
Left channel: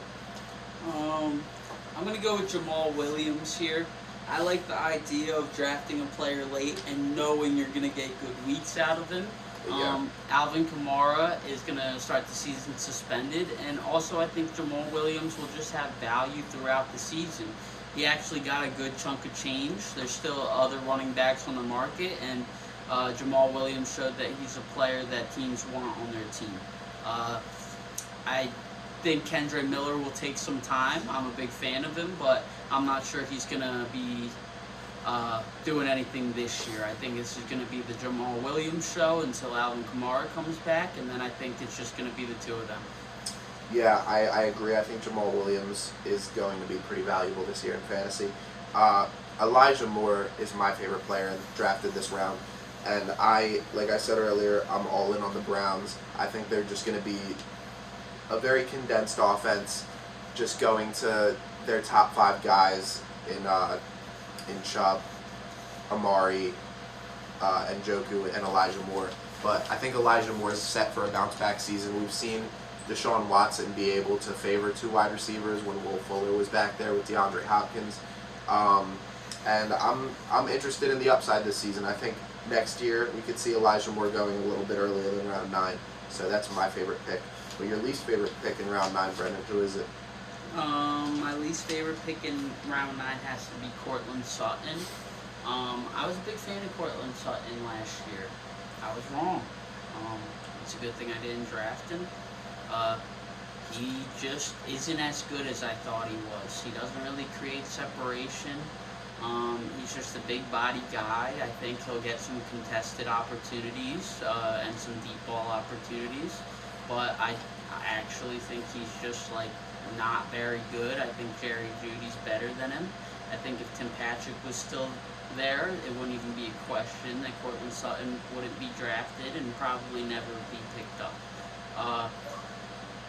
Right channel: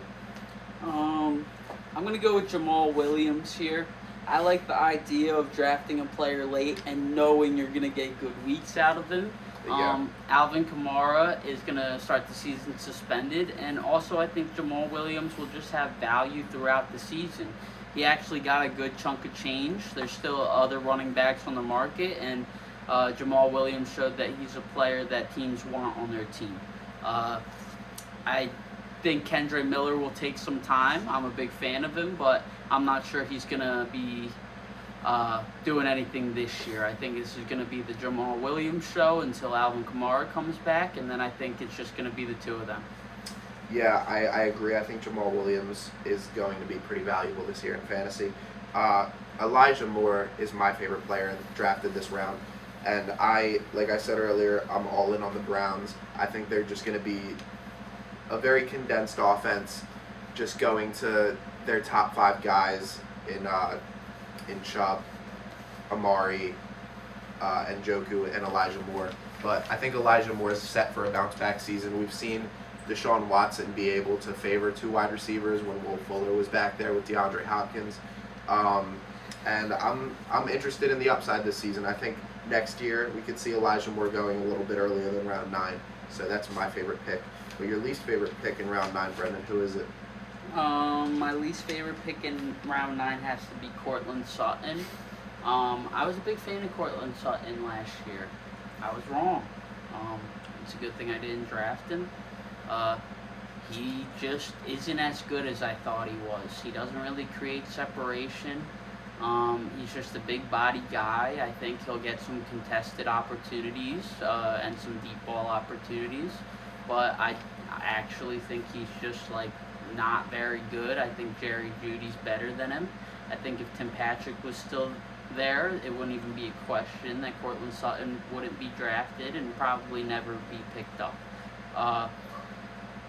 I'm going to go with Jamal Williams here. I like the idea of drafting a player late and knowing you're going to get good weeks out of him. Yeah. Alvin Kamara is going to start the season suspended, and also I think Jamal Williams will just have value throughout the season. He actually got a good chunk of change. There's still other running backs on the market, and Jamal Williams showed that he's a player that teams want on their team. I think Kendre Miller will take some time. I'm a big fan of him, but I'm not sure he's going to be doing anything this year. I think this is going to be the Jamal Williams show until Alvin Kamara comes back, and then I think it's just going to be the two of them. Yeah, I agree. I think Jamal Williams is going to be pretty valuable this year in fantasy. Elijah Moore is my favorite player drafted this round. And like I said earlier, I'm all in on the Browns. I think they're just going to be a very condensed offense, just going to their top 5 guys in Chubb, Amari, and Njoku, and Elijah Moore. But I think Elijah Moore is set for a bounce-back season. We've seen Deshaun Watson be able to favor 2 wide receivers when Will Fuller was back there with DeAndre Hopkins. And I'm interested in the upside this season. I think next year we could see Elijah Moore going a little bit earlier than round 9. So that's my favorite pick. But your least favorite pick in round 9, Brendan, who is it? My least favorite pick in round 9 has to be Courtland Sutton. I was a big fan of Courtland Sutton last year. I was wrong. It's a good thing I didn't draft him. He just isn't as good as I thought he was. He doesn't really create separation. He's just a big body guy. I think he'll get some contested opportunities and some deep ball opportunities. But I actually think he's just like not very good. I think Jerry Jeudy's better than him. I think if Tim Patrick was still there, it wouldn't even be a question that Courtland Sutton wouldn't be drafted and probably never be picked up.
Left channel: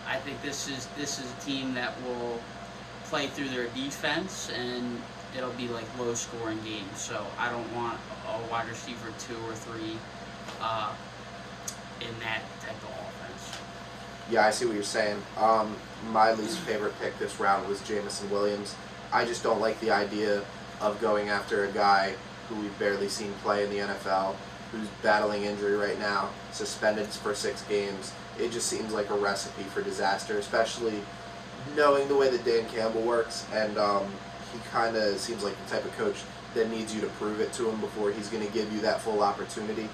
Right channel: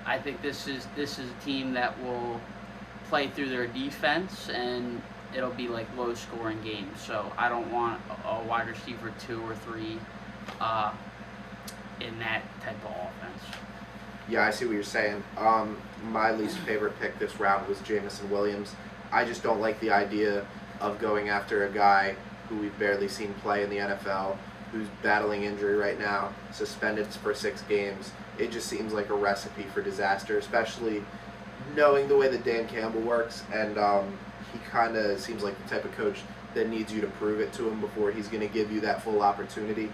I think this is a team that will play through their defense, and it'll be like low scoring games. So I don't want a wide receiver 2 or 3 in that type of offense. Yeah, I see what you're saying. My least favorite pick this round was Jameson Williams. I just don't like the idea of going after a guy who we've barely seen play in the NFL, who's battling injury right now, suspended for 6 games. It just seems like a recipe for disaster, especially knowing the way that Dan Campbell works. And he kind of seems like the type of coach that needs you to prove it to him before he's going to give you that full opportunity.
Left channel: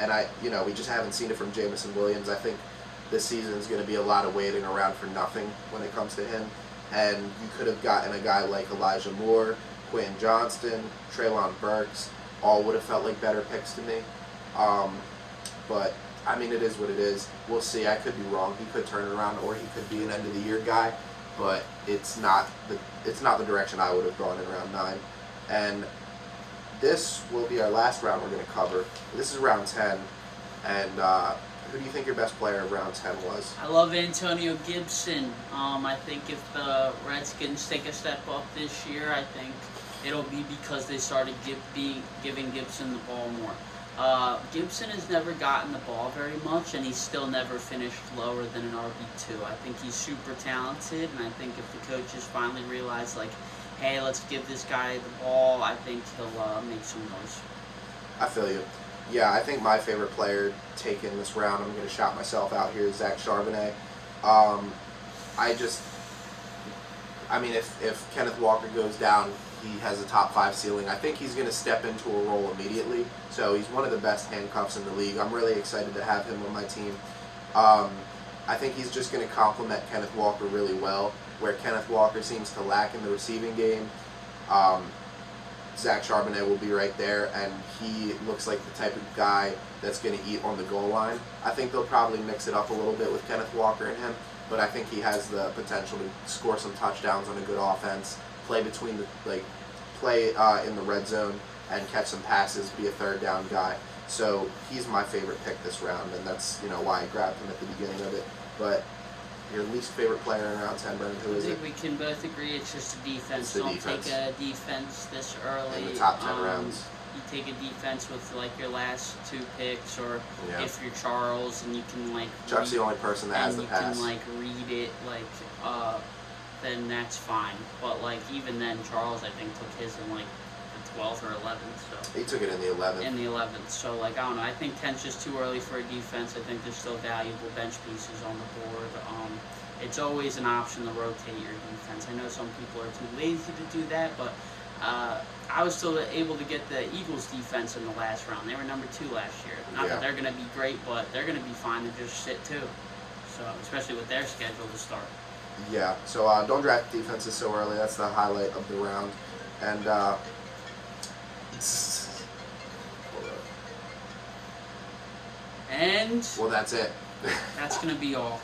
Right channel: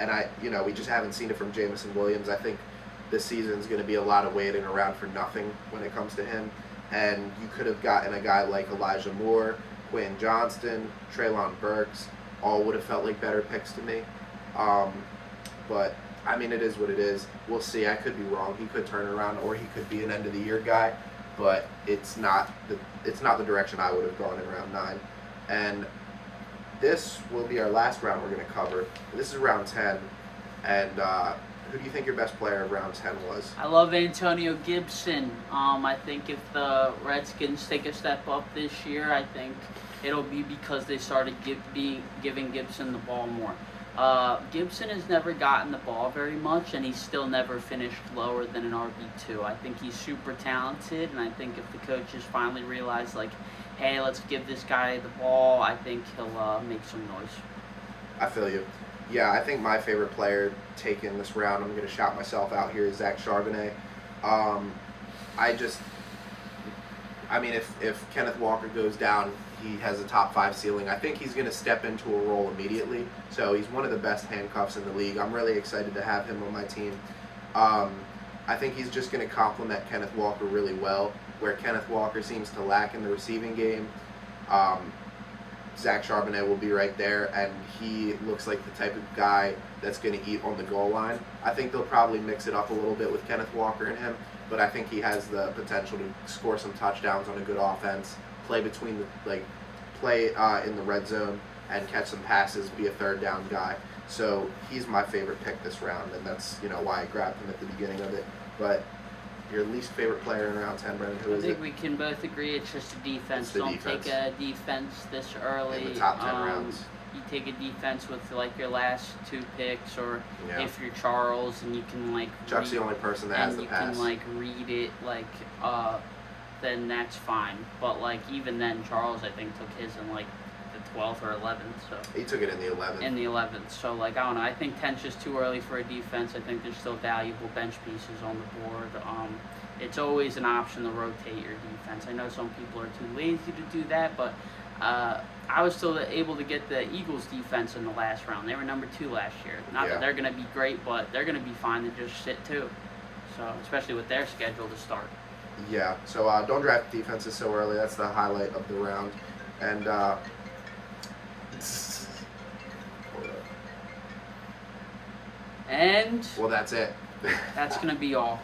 and we just haven't seen it from Jamison Williams. I think this season's going to be a lot of waiting around for nothing when it comes to him. And you could have gotten a guy like Elijah Moore, Quinn Johnston, Treylon Burks. All would have felt like better picks to me. But I mean, it is what it is. We'll see. I could be wrong. He could turn it around, or he could be an end of the year guy. But it's not the direction I would have gone in round 9. And this will be our last round we're going to cover. This is round 10. And who do you think your best player of round 10 was? I love Antonio Gibson. I think if the Redskins take a step up this year, I think it'll be because they started giving Gibson the ball more. Gibson has never gotten the ball very much, and he's still never finished lower than an RB2. I think he's super talented, and I think if the coaches finally realize, like, hey, let's give this guy the ball, I think he'll make some noise. I feel you. Yeah, I think my favorite player taken this round, I'm going to shout myself out here, is Zach Charbonnet. If Kenneth Walker goes down, he has a top 5 ceiling. I think he's going to step into a role immediately. So he's one of the best handcuffs in the league. I'm really excited to have him on my team. I think he's just going to complement Kenneth Walker really well, where Kenneth Walker seems to lack in the receiving game. Zach Charbonnet will be right there, and he looks like the type of guy that's going to eat on the goal line. I think they'll probably mix it up a little bit with Kenneth Walker and him, but I think he has the potential to score some touchdowns on a good offense, play between play in the red zone and catch some passes, be a third down guy. So he's my favorite pick this round, and that's why I grabbed him at the beginning of it. But your least favorite player in round 10, Brendan, who is it? I think we can both agree it's just a defense. Don't take a defense this early. In the top 10 rounds. You take a defense with like your last 2 picks, or if you're Charles and you can Chuck's the only person that has the pass. And you can read it then that's fine. But even then, Charles I think took his in the 12th or 11th. So he took it in the 11th. In the 11th. So I don't know. I think 10's just too early for a defense. I think there's still valuable bench pieces on the board. It's always an option to rotate your defense. I know some people are too lazy to do that, but I was still able to get the Eagles defense in the last round. They were number 2 last year. Not that they're going to be great, but they're going to be fine to just sit too. So especially with their schedule to start. Yeah. So don't draft defenses so early. That's the highlight of the round. And well, that's it. That's going to be all.